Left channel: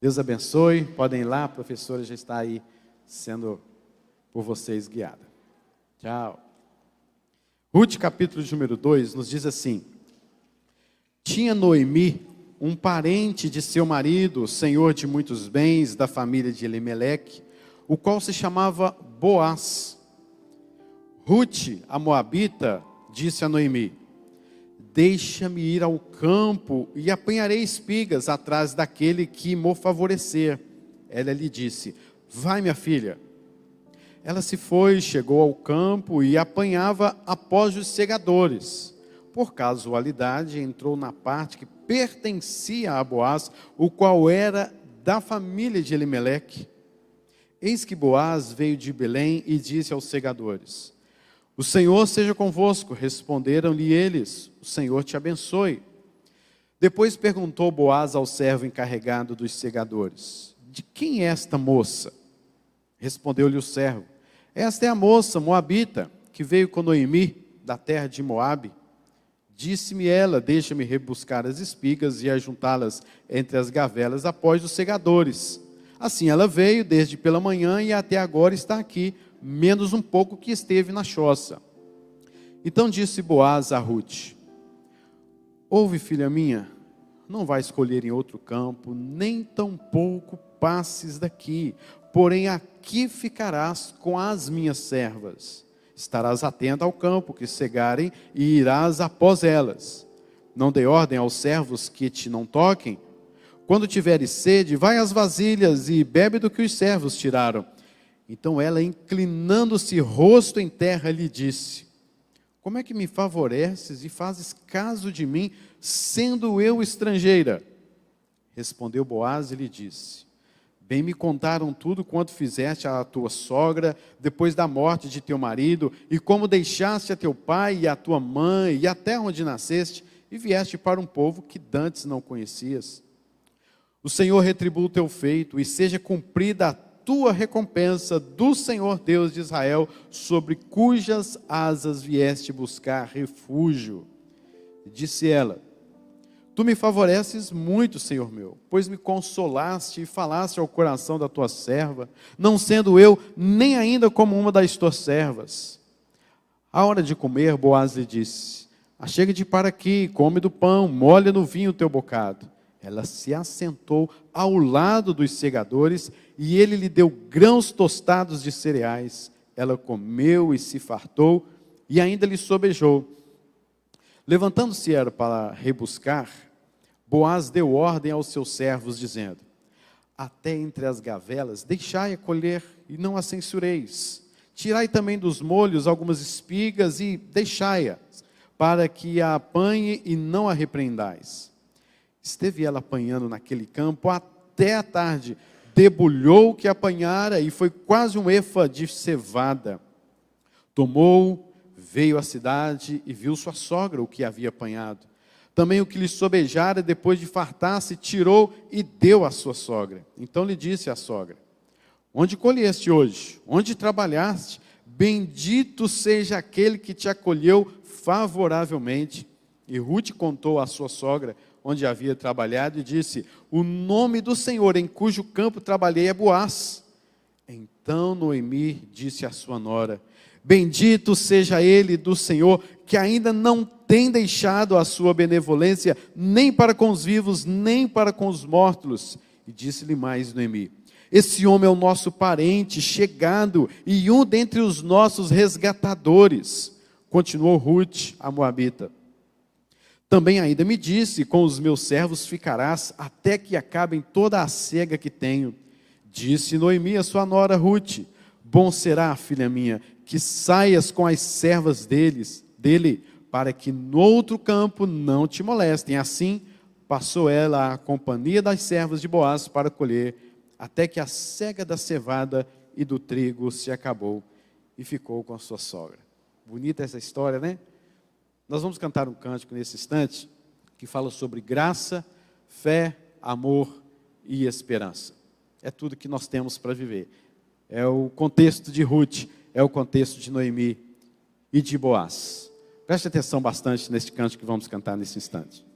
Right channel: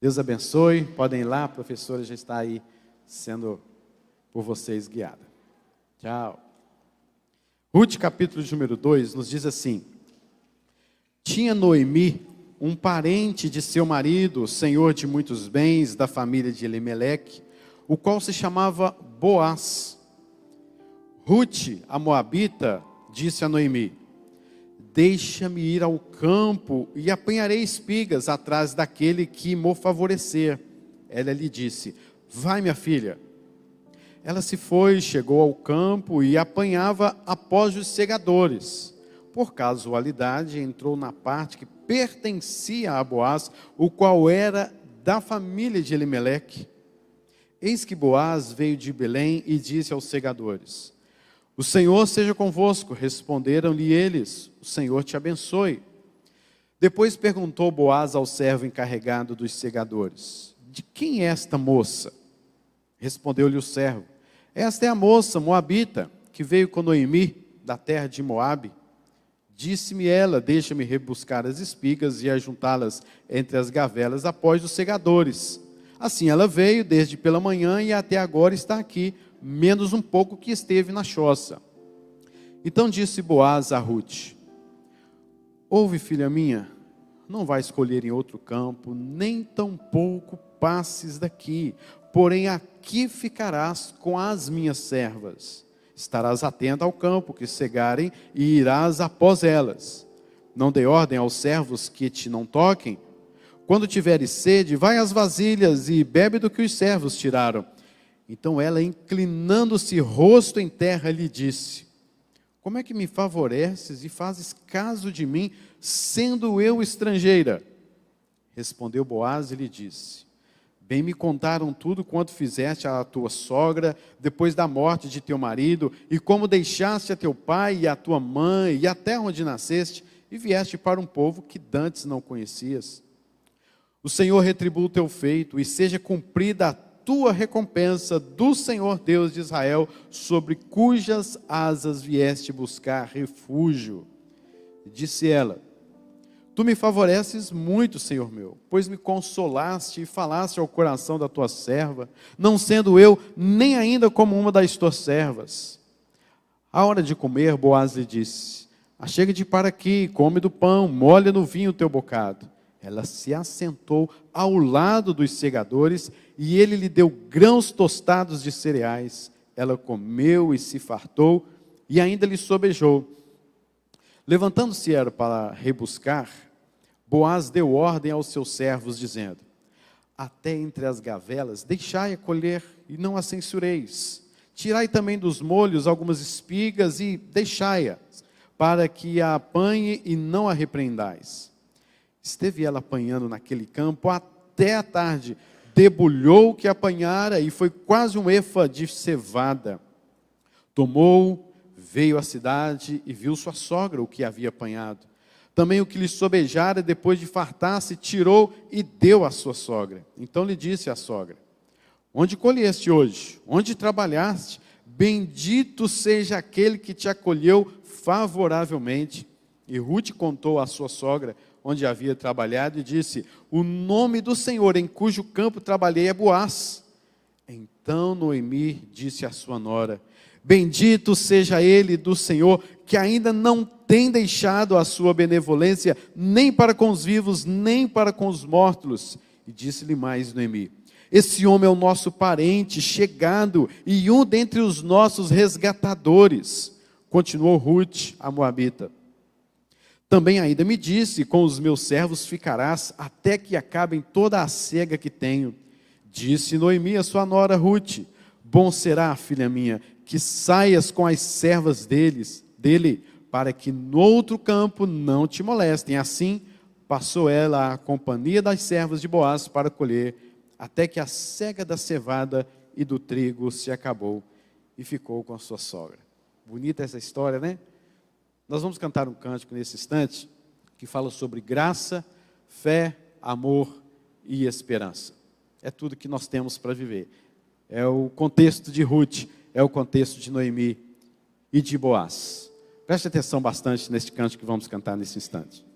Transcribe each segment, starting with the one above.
Deus abençoe, podem ir lá, a professora já está aí sendo por vocês guiada. Tchau. Ruth, capítulo de número 2, nos diz assim: tinha Noemi um parente de seu marido, senhor de muitos bens, da família de Elimeleque, o qual se chamava Boaz. Ruth, a moabita, disse a Noemi: deixa-me ir ao campo e apanharei espigas atrás daquele que me favorecer. Ela lhe disse: vai, minha filha. Ela se foi, chegou ao campo e apanhava após os segadores. Por casualidade, entrou na parte que pertencia a Boaz, o qual era da família de Elimeleque. Eis que Boaz veio de Belém e disse aos segadores: o Senhor seja convosco. Responderam-lhe eles: o Senhor te abençoe. Depois perguntou Boaz ao servo encarregado dos segadores: de quem é esta moça? Respondeu-lhe o servo: esta é a moça moabita, que veio com Noemi, da terra de Moabe. Disse-me ela: deixa-me rebuscar as espigas e ajuntá-las entre as gavelas após os segadores. Assim ela veio desde pela manhã e até agora está aqui, menos um pouco que esteve na choça. Então disse Boaz a Ruth: ouve, filha minha, não vai escolher em outro campo, nem tampouco passes daqui, porém aqui ficarás com as minhas servas. Estarás atenta ao campo que cegarem e irás após elas. Não dê ordem aos servos que te não toquem. Quando tiveres sede, vai às vasilhas e bebe do que os servos tiraram. Então ela, inclinando-se rosto em terra, lhe disse: como é que me favoreces e fazes caso de mim, sendo eu estrangeira? Respondeu Boaz e lhe disse: bem me contaram tudo quanto fizeste à tua sogra, depois da morte de teu marido, e como deixaste a teu pai e a tua mãe, e a terra onde nasceste, e vieste para um povo que dantes não conhecias. O Senhor retribua o teu feito, e seja cumprida a tua recompensa do Senhor Deus de Israel, sobre cujas asas vieste buscar refúgio. Disse ela: tu me favoreces muito, Senhor meu, pois me consolaste e falaste ao coração da tua serva, não sendo eu nem ainda como uma das tuas servas. À hora de comer, Boaz lhe disse: achega-te para aqui, come do pão, molha no vinho o teu bocado. Ela se assentou ao lado dos segadores, e ele lhe deu grãos tostados de cereais. Ela comeu e se fartou, e ainda lhe sobejou. Levantando-se era para rebuscar, Boaz deu ordem aos seus servos, dizendo: até entre as gavelas deixai-a colher, e não a censureis. Tirai também dos molhos algumas espigas, e deixai-a, para que a apanhe, e não a repreendais. Esteve ela apanhando naquele campo até a tarde, debulhou o que apanhara, e foi quase um efa de cevada. Tomou, veio à cidade, e viu sua sogra o que havia apanhado. Também o que lhe sobejara, depois de fartar-se, tirou e deu à sua sogra. Então lhe disse a sogra: onde colheste hoje? Onde trabalhaste? Bendito seja aquele que te acolheu favoravelmente. E Ruth contou à sua sogra onde havia trabalhado, e disse: o nome do Senhor em cujo campo trabalhei é Boaz. Então Noemi disse à sua nora: bendito seja ele do Senhor, que ainda não tem deixado a sua benevolência, nem para com os vivos, nem para com os mortos. E disse-lhe mais Noemi: esse homem é o nosso parente chegado, e um dentre os nossos resgatadores. Continuou Ruth, a moabita: também ainda me disse: com os meus servos ficarás, até que acabem toda a cega que tenho. Disse Noemi a sua nora Ruth: bom será, filha minha, que saias com as servas dele, para que no outro campo não te molestem. Assim passou ela a companhia das servas de Boaz para colher, até que a cega da cevada e do trigo se acabou, e ficou com a sua sogra. Bonita essa história, né? Nós vamos cantar um cântico nesse instante, que fala sobre graça, fé, amor e esperança. É tudo que nós temos para viver. É o contexto de Ruth, é o contexto de Noemi e de Boaz. Preste atenção bastante neste cântico que vamos cantar nesse instante.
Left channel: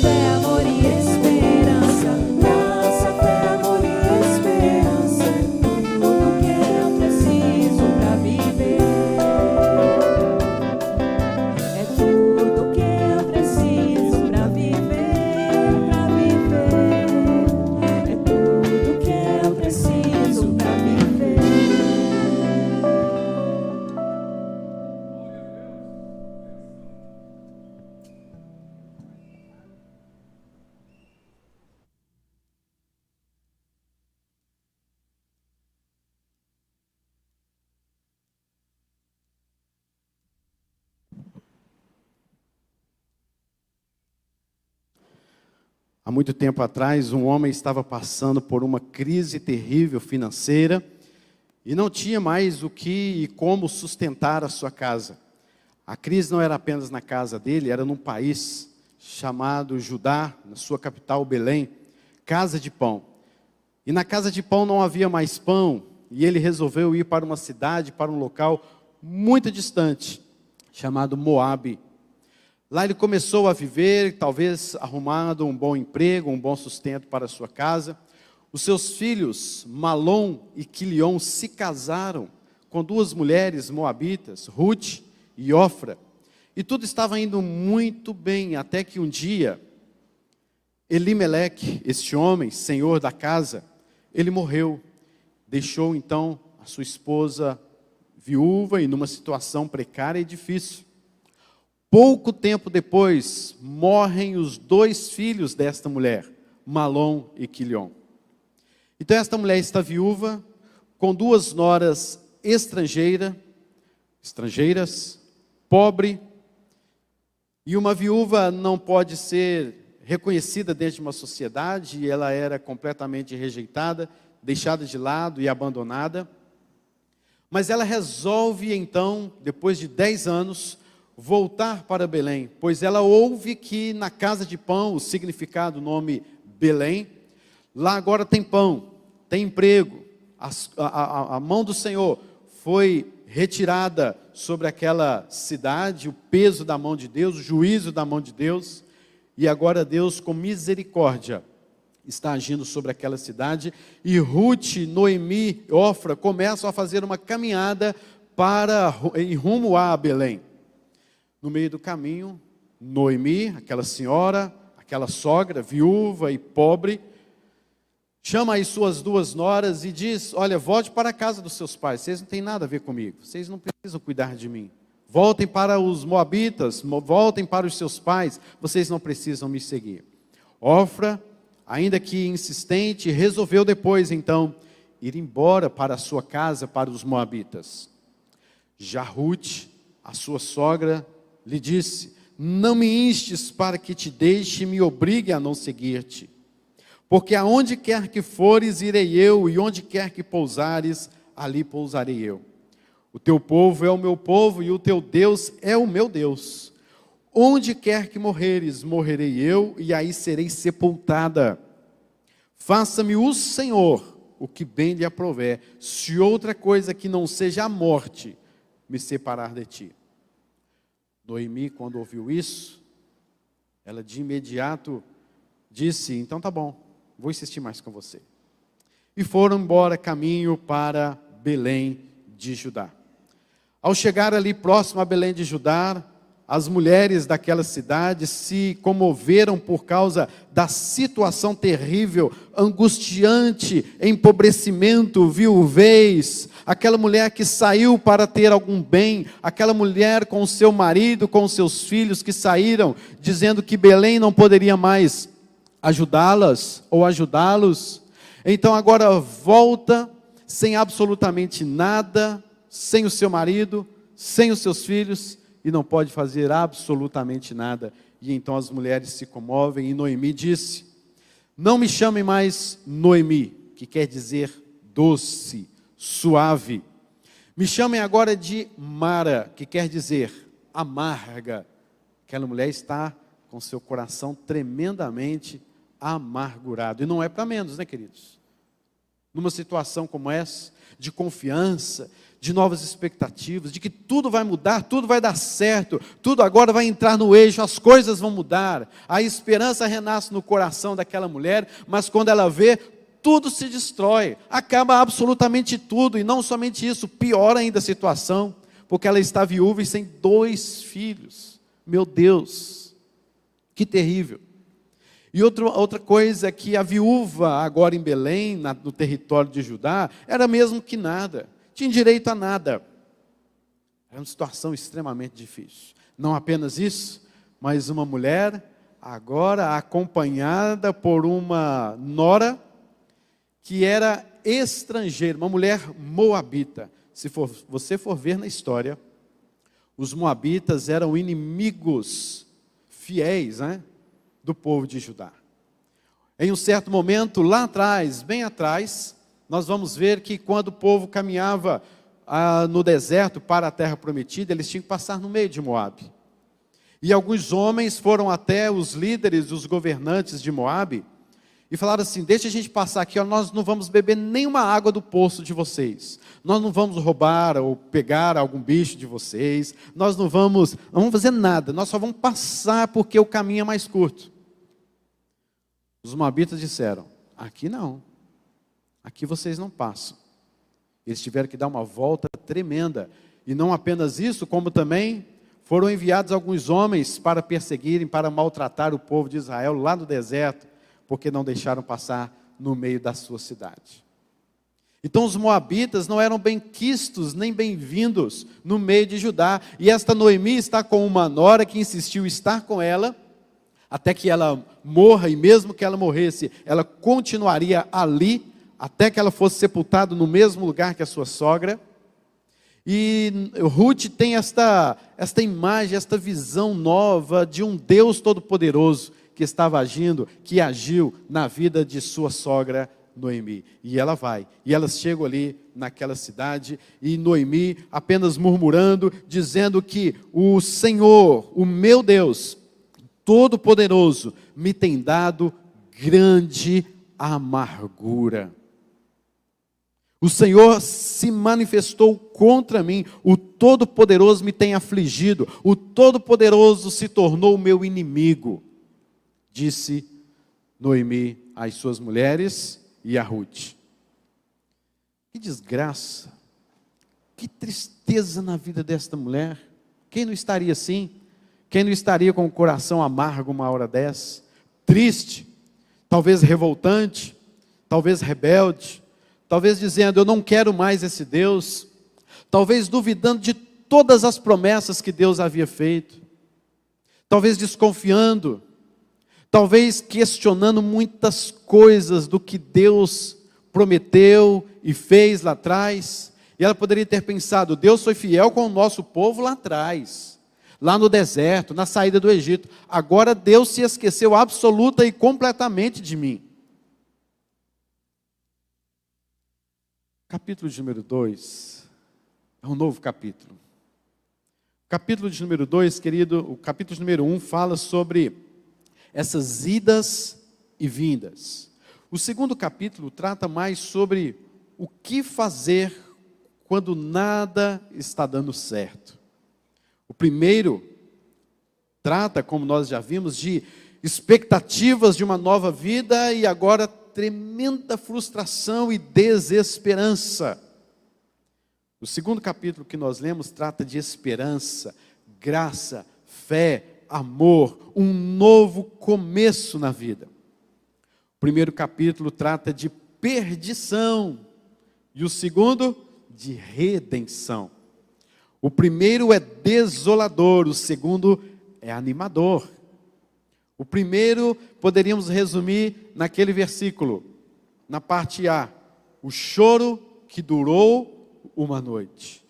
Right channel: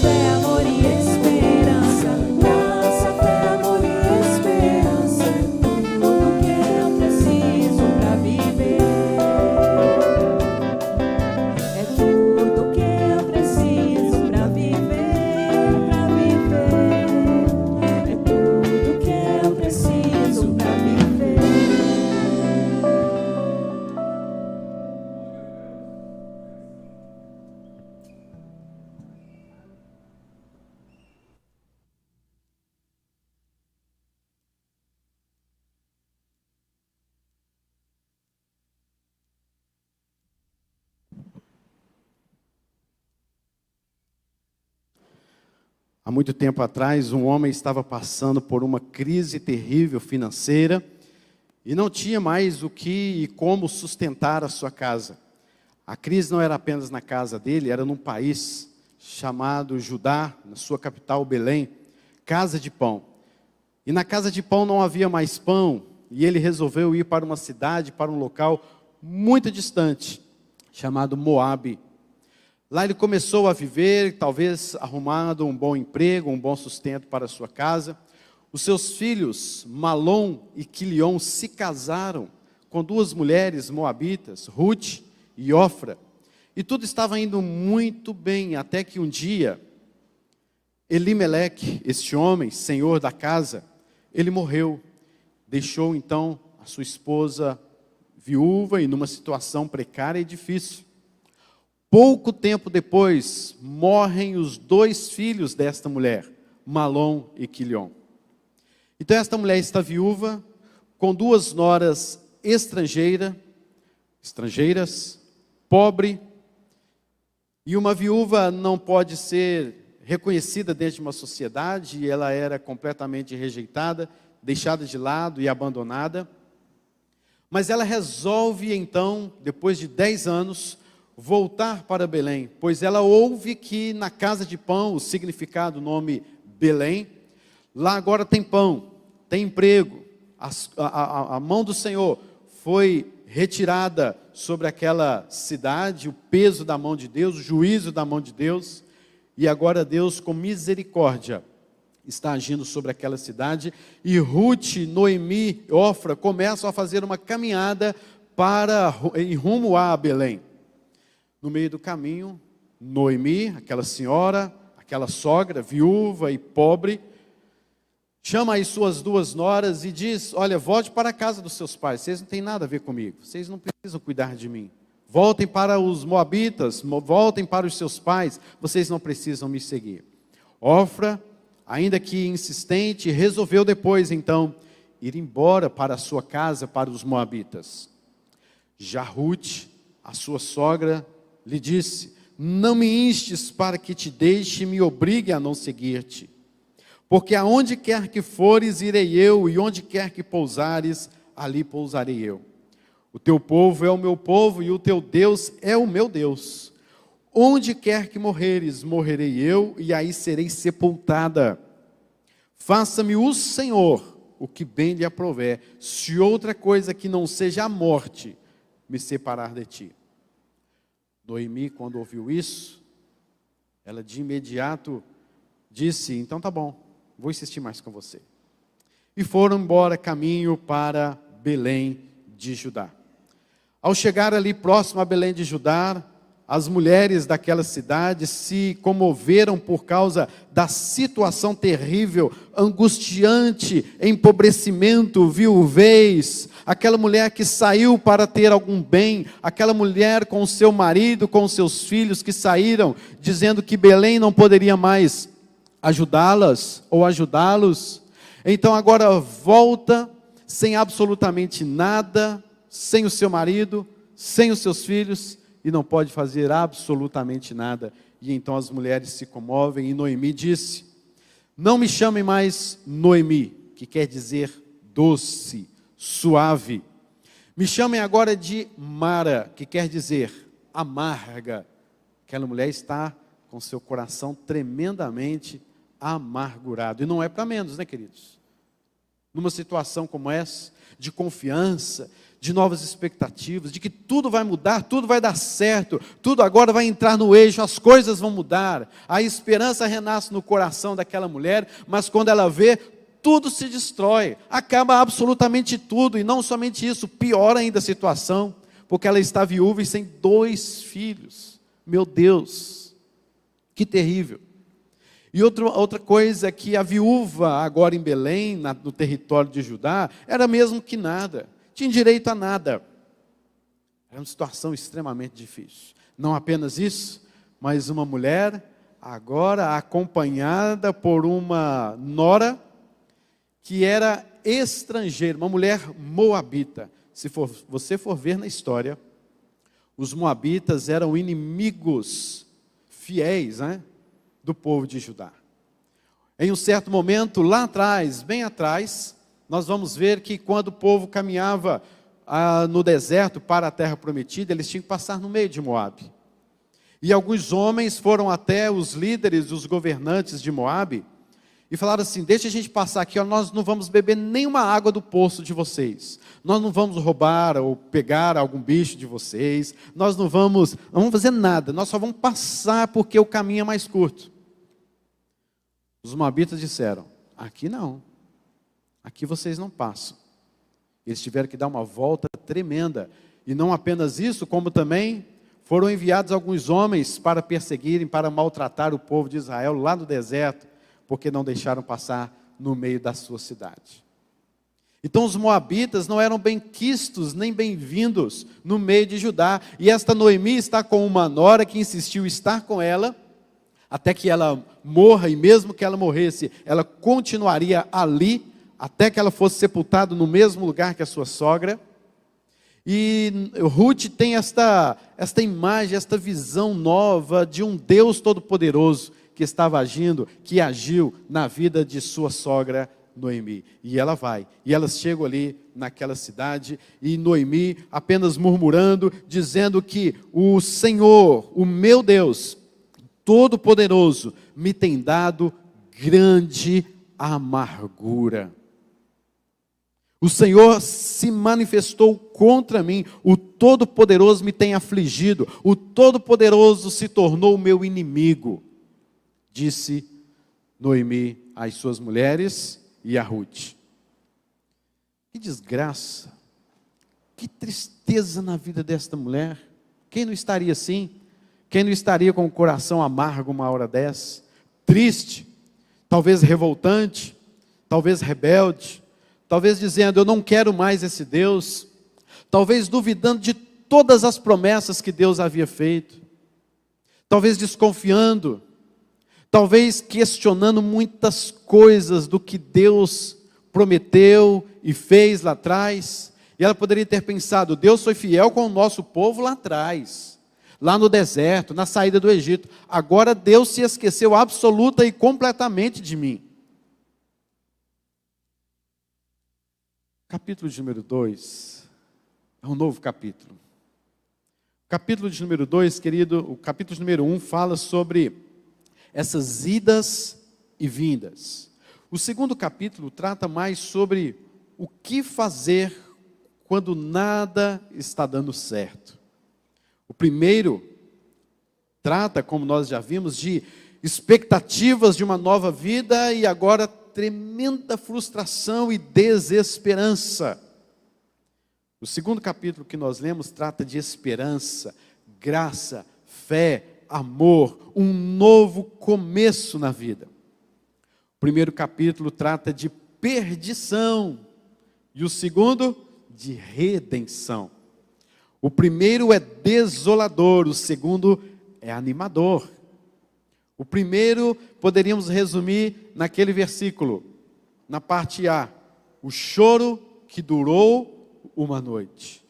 fé, amor e esperança. Graça, fé, amor e esperança. É tudo que eu preciso pra viver. É tudo que eu preciso pra viver, pra viver. É tudo que eu preciso pra viver. Há muito tempo atrás, um homem estava passando por uma crise terrível financeira e não tinha mais o que e como sustentar a sua casa. A crise não era apenas na casa dele, era num país chamado Judá, na sua capital Belém, casa de pão. E na casa de pão não havia mais pão, e ele resolveu ir para uma cidade, para um local muito distante, chamado Moabe. Lá ele começou a viver, talvez arrumando um bom emprego, um bom sustento para a sua casa. Os seus filhos, Malom e Quilion, se casaram com duas mulheres moabitas, Ruth e Ofra. E tudo estava indo muito bem, até que um dia, Elimeleque, este homem, senhor da casa, ele morreu. Deixou então a sua esposa viúva e numa situação precária e difícil. Pouco tempo depois, morrem os dois filhos desta mulher, Malom e Quilion. Então esta mulher está viúva, com duas noras estrangeiras, pobre, e uma viúva não pode ser reconhecida dentro de uma sociedade, e ela era completamente rejeitada, deixada de lado e abandonada. Mas ela resolve então, depois de 10 anos, voltar para Belém, pois ela ouve que na casa de pão, o significado do nome Belém, lá agora tem pão, tem emprego, a mão do Senhor foi retirada sobre aquela cidade, o peso da mão de Deus, o juízo da mão de Deus, e agora Deus com misericórdia está agindo sobre aquela cidade, e Ruth, Noemi e Ofra começam a fazer uma caminhada em rumo a Belém. No meio do caminho, Noemi, aquela senhora, aquela sogra, viúva e pobre, chama as suas duas noras e diz: olha, volte para a casa dos seus pais, vocês não têm nada a ver comigo, vocês não precisam cuidar de mim. Voltem para os moabitas, voltem para os seus pais, vocês não precisam me seguir. Ofra, ainda que insistente, resolveu depois então ir embora para a sua casa, para os moabitas. Já Ruth, a sua sogra, lhe disse: não me instes para que te deixe e me obrigue a não seguir-te, porque aonde quer que fores, irei eu, e onde quer que pousares, ali pousarei eu. O teu povo é o meu povo, e o teu Deus é o meu Deus. Onde quer que morreres, morrerei eu, e aí serei sepultada. Faça-me o Senhor o que bem lhe aprouver, se outra coisa que não seja a morte me separar de ti. Noemi, quando ouviu isso, ela de imediato disse: então tá bom, vou insistir mais com você. E foram embora caminho para Belém de Judá. Ao chegar ali próximo a Belém de Judá, as mulheres daquela cidade se comoveram por causa da situação terrível, angustiante, empobrecimento, viuvez. Aquela mulher que saiu para ter algum bem, aquela mulher com o seu marido, com os seus filhos que saíram, dizendo que Belém não poderia mais ajudá-las ou ajudá-los. Então agora volta sem absolutamente nada, sem o seu marido, sem os seus filhos, e não pode fazer absolutamente nada. E então as mulheres se comovem, e Noemi disse: não me chame mais Noemi, que quer dizer doce, suave. Me chamem agora de Mara, que quer dizer amarga. Aquela mulher está com seu coração tremendamente amargurado. E não é para menos, né, queridos? Numa situação como essa, de confiança, de novas expectativas, de que tudo vai mudar, tudo vai dar certo, tudo agora vai entrar no eixo, as coisas vão mudar. A esperança renasce no coração daquela mulher, mas quando ela vê, tudo se destrói, acaba absolutamente tudo, e não somente isso, piora ainda a situação, porque ela está viúva e sem 2 filhos. Meu Deus, que terrível. E outra coisa é que a viúva agora em Belém, no território de Judá, era mesmo que nada, tinha direito a nada. Era uma situação extremamente difícil. Não apenas isso, mas uma mulher agora acompanhada por uma nora que era estrangeira, uma mulher moabita. Se você for ver na história, os moabitas eram inimigos fiéis, do povo de Judá. Em um certo momento, lá atrás, bem atrás, nós vamos ver que quando o povo caminhava no deserto para a terra prometida, eles tinham que passar no meio de Moabe. E alguns homens foram até os líderes, os governantes de Moabe, e falaram assim: deixa a gente passar aqui, nós não vamos beber nenhuma água do poço de vocês, nós não vamos roubar ou pegar algum bicho de vocês, nós não vamos fazer nada, nós só vamos passar porque o caminho é mais curto. Os moabitas disseram: aqui não, aqui vocês não passam. Eles tiveram que dar uma volta tremenda, e não apenas isso, como também foram enviados alguns homens para perseguirem, para maltratar o povo de Israel lá no deserto, porque não deixaram passar no meio da sua cidade. Então os moabitas não eram bem quistos, nem bem-vindos no meio de Judá, e esta Noemi está com uma nora que insistiu em estar com ela, até que ela morra, e mesmo que ela morresse, ela continuaria ali, até que ela fosse sepultada no mesmo lugar que a sua sogra. E Ruth tem esta imagem, esta visão nova de um Deus todo-poderoso, que estava agindo, que agiu na vida de sua sogra Noemi. E ela vai, e elas chegam ali naquela cidade, e Noemi apenas murmurando, dizendo que o Senhor, o meu Deus, Todo-Poderoso, me tem dado grande amargura. O Senhor se manifestou contra mim, o Todo-Poderoso me tem afligido, o Todo-Poderoso se tornou meu inimigo. Disse Noemi às suas mulheres e a Ruth. Que desgraça, que tristeza na vida desta mulher. Quem não estaria assim? Quem não estaria com o coração amargo uma hora dessa? Triste, talvez revoltante, talvez rebelde, talvez dizendo: eu não quero mais esse Deus, talvez duvidando de todas as promessas que Deus havia feito, talvez desconfiando, talvez questionando muitas coisas do que Deus prometeu e fez lá atrás. E ela poderia ter pensado: Deus foi fiel com o nosso povo lá atrás, lá no deserto, na saída do Egito. Agora Deus se esqueceu absoluta e completamente de mim. Capítulo de número 2 é um novo capítulo. O capítulo de número 2, querido, o capítulo de número 1 fala sobre essas idas e vindas. O segundo capítulo trata mais sobre o que fazer quando nada está dando certo. O primeiro trata, como nós já vimos, de expectativas de uma nova vida, e agora tremenda frustração e desesperança. O segundo capítulo que nós lemos trata de esperança, graça, fé, amor, um novo começo na vida. O primeiro capítulo trata de perdição, e o segundo, de redenção. O primeiro é desolador, o segundo é animador. O primeiro poderíamos resumir naquele versículo, na parte A: o choro que durou uma noite.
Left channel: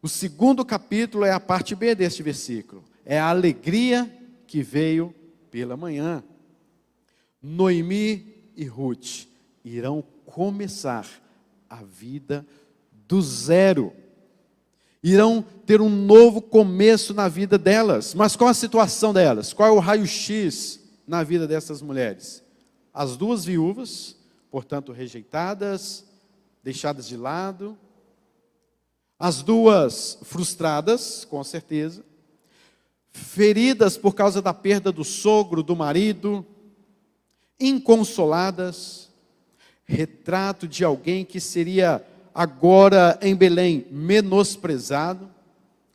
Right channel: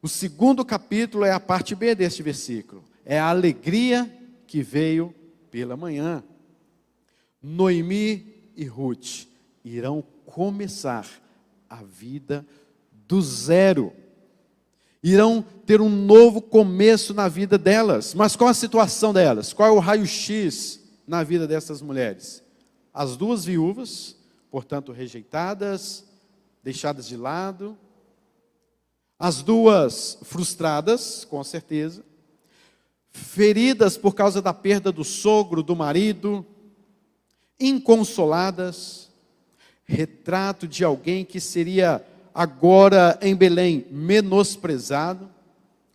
O segundo capítulo é a parte B deste versículo, é a alegria que veio pela manhã. Noemi e Ruth irão começar a vida do zero. Irão ter um novo começo na vida delas. Mas qual a situação delas? Qual é o raio-x na vida dessas mulheres? As duas viúvas, portanto rejeitadas, deixadas de lado. As duas frustradas, com certeza, feridas por causa da perda do sogro, do marido, inconsoladas, retrato de alguém que seria agora em Belém menosprezado,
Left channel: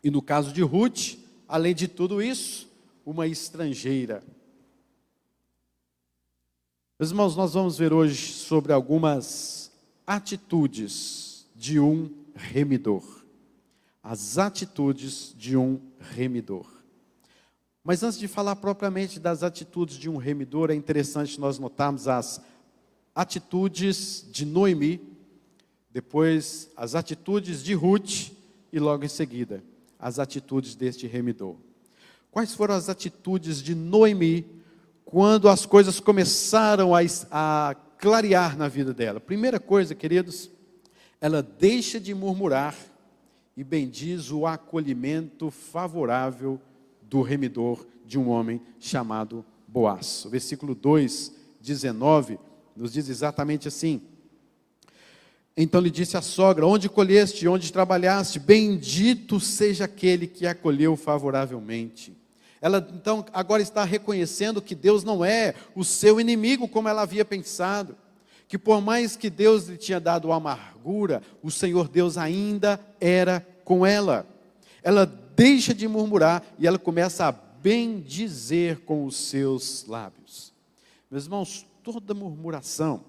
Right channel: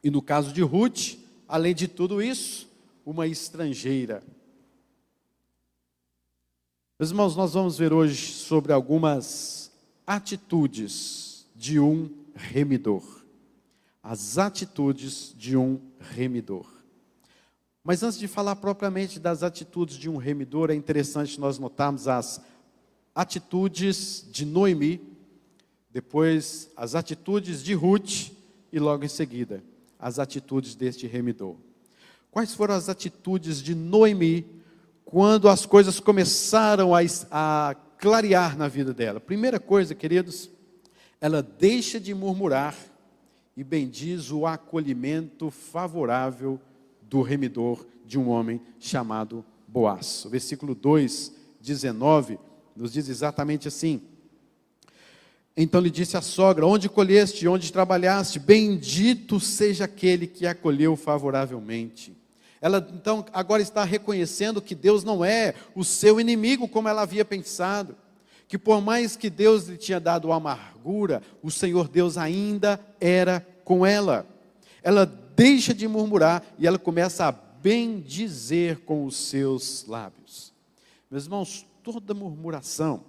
e no caso de Ruth, além de tudo isso, uma estrangeira. Meus irmãos, nós vamos ver hoje sobre algumas atitudes de um remidor. As atitudes de um remidor. Mas antes de falar propriamente das atitudes de um remidor, é interessante nós notarmos as atitudes de Noemi, depois as atitudes de Ruth e logo em seguida as atitudes deste remidor. Quais foram as atitudes de Noemi quando as coisas começaram a clarear na vida dela? Primeira coisa, queridos, ela deixa de murmurar e bendiz o acolhimento favorável do remidor de um homem chamado Boaz. O versículo 2, 19, nos diz exatamente assim: então lhe disse a sogra: onde colheste, onde trabalhaste, bendito seja aquele que acolheu favoravelmente. Ela então agora está reconhecendo que Deus não é o seu inimigo como ela havia pensado, que por mais que Deus lhe tinha dado amargura, o Senhor Deus ainda era com ela. Ela deixa de murmurar e ela começa a bendizer com os seus lábios. Meus irmãos, toda murmuração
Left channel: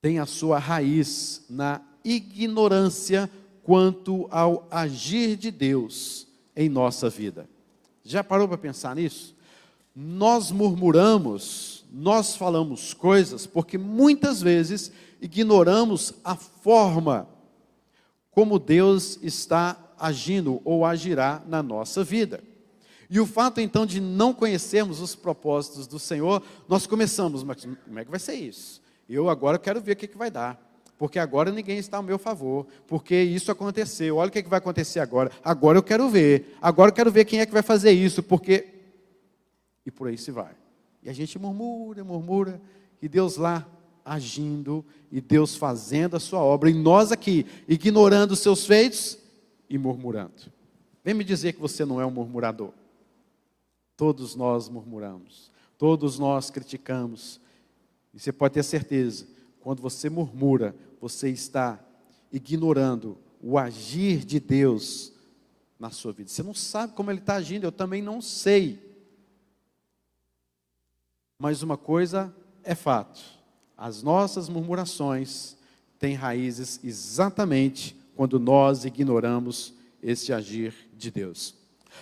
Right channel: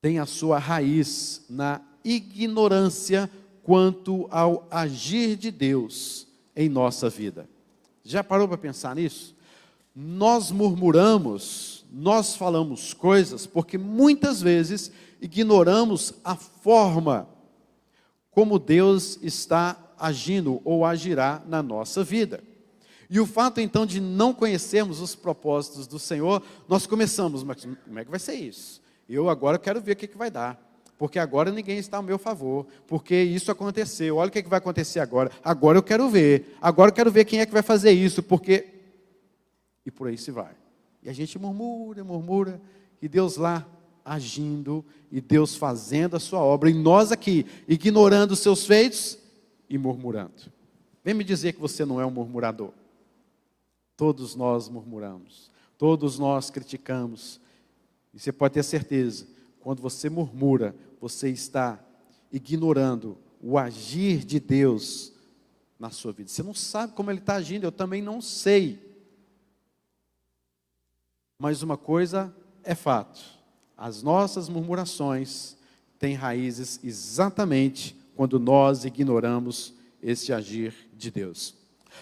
tem a sua raiz na ignorância quanto ao agir de Deus em nossa vida. Já parou para pensar nisso? Nós murmuramos, nós falamos coisas porque muitas vezes ignoramos a forma como Deus está agindo ou agirá na nossa vida. E o fato então de não conhecermos os propósitos do Senhor, nós começamos, mas como é que vai ser isso? Eu agora quero ver o que vai dar, porque agora ninguém está ao meu favor, porque isso aconteceu, olha o que vai acontecer agora eu quero ver, agora eu quero ver quem é que vai fazer isso, porque... E por aí se vai. E a gente murmura, e Deus lá agindo, e Deus fazendo a sua obra, e nós aqui, ignorando os seus feitos e murmurando. Vem me dizer que você não é um murmurador. Todos nós murmuramos, todos nós criticamos, e você pode ter certeza, quando você murmura, você está ignorando o agir de Deus na sua vida. Você não sabe como Ele está agindo, eu também não sei. Mas uma coisa é fato, as nossas murmurações têm raízes exatamente quando nós ignoramos esse agir de Deus.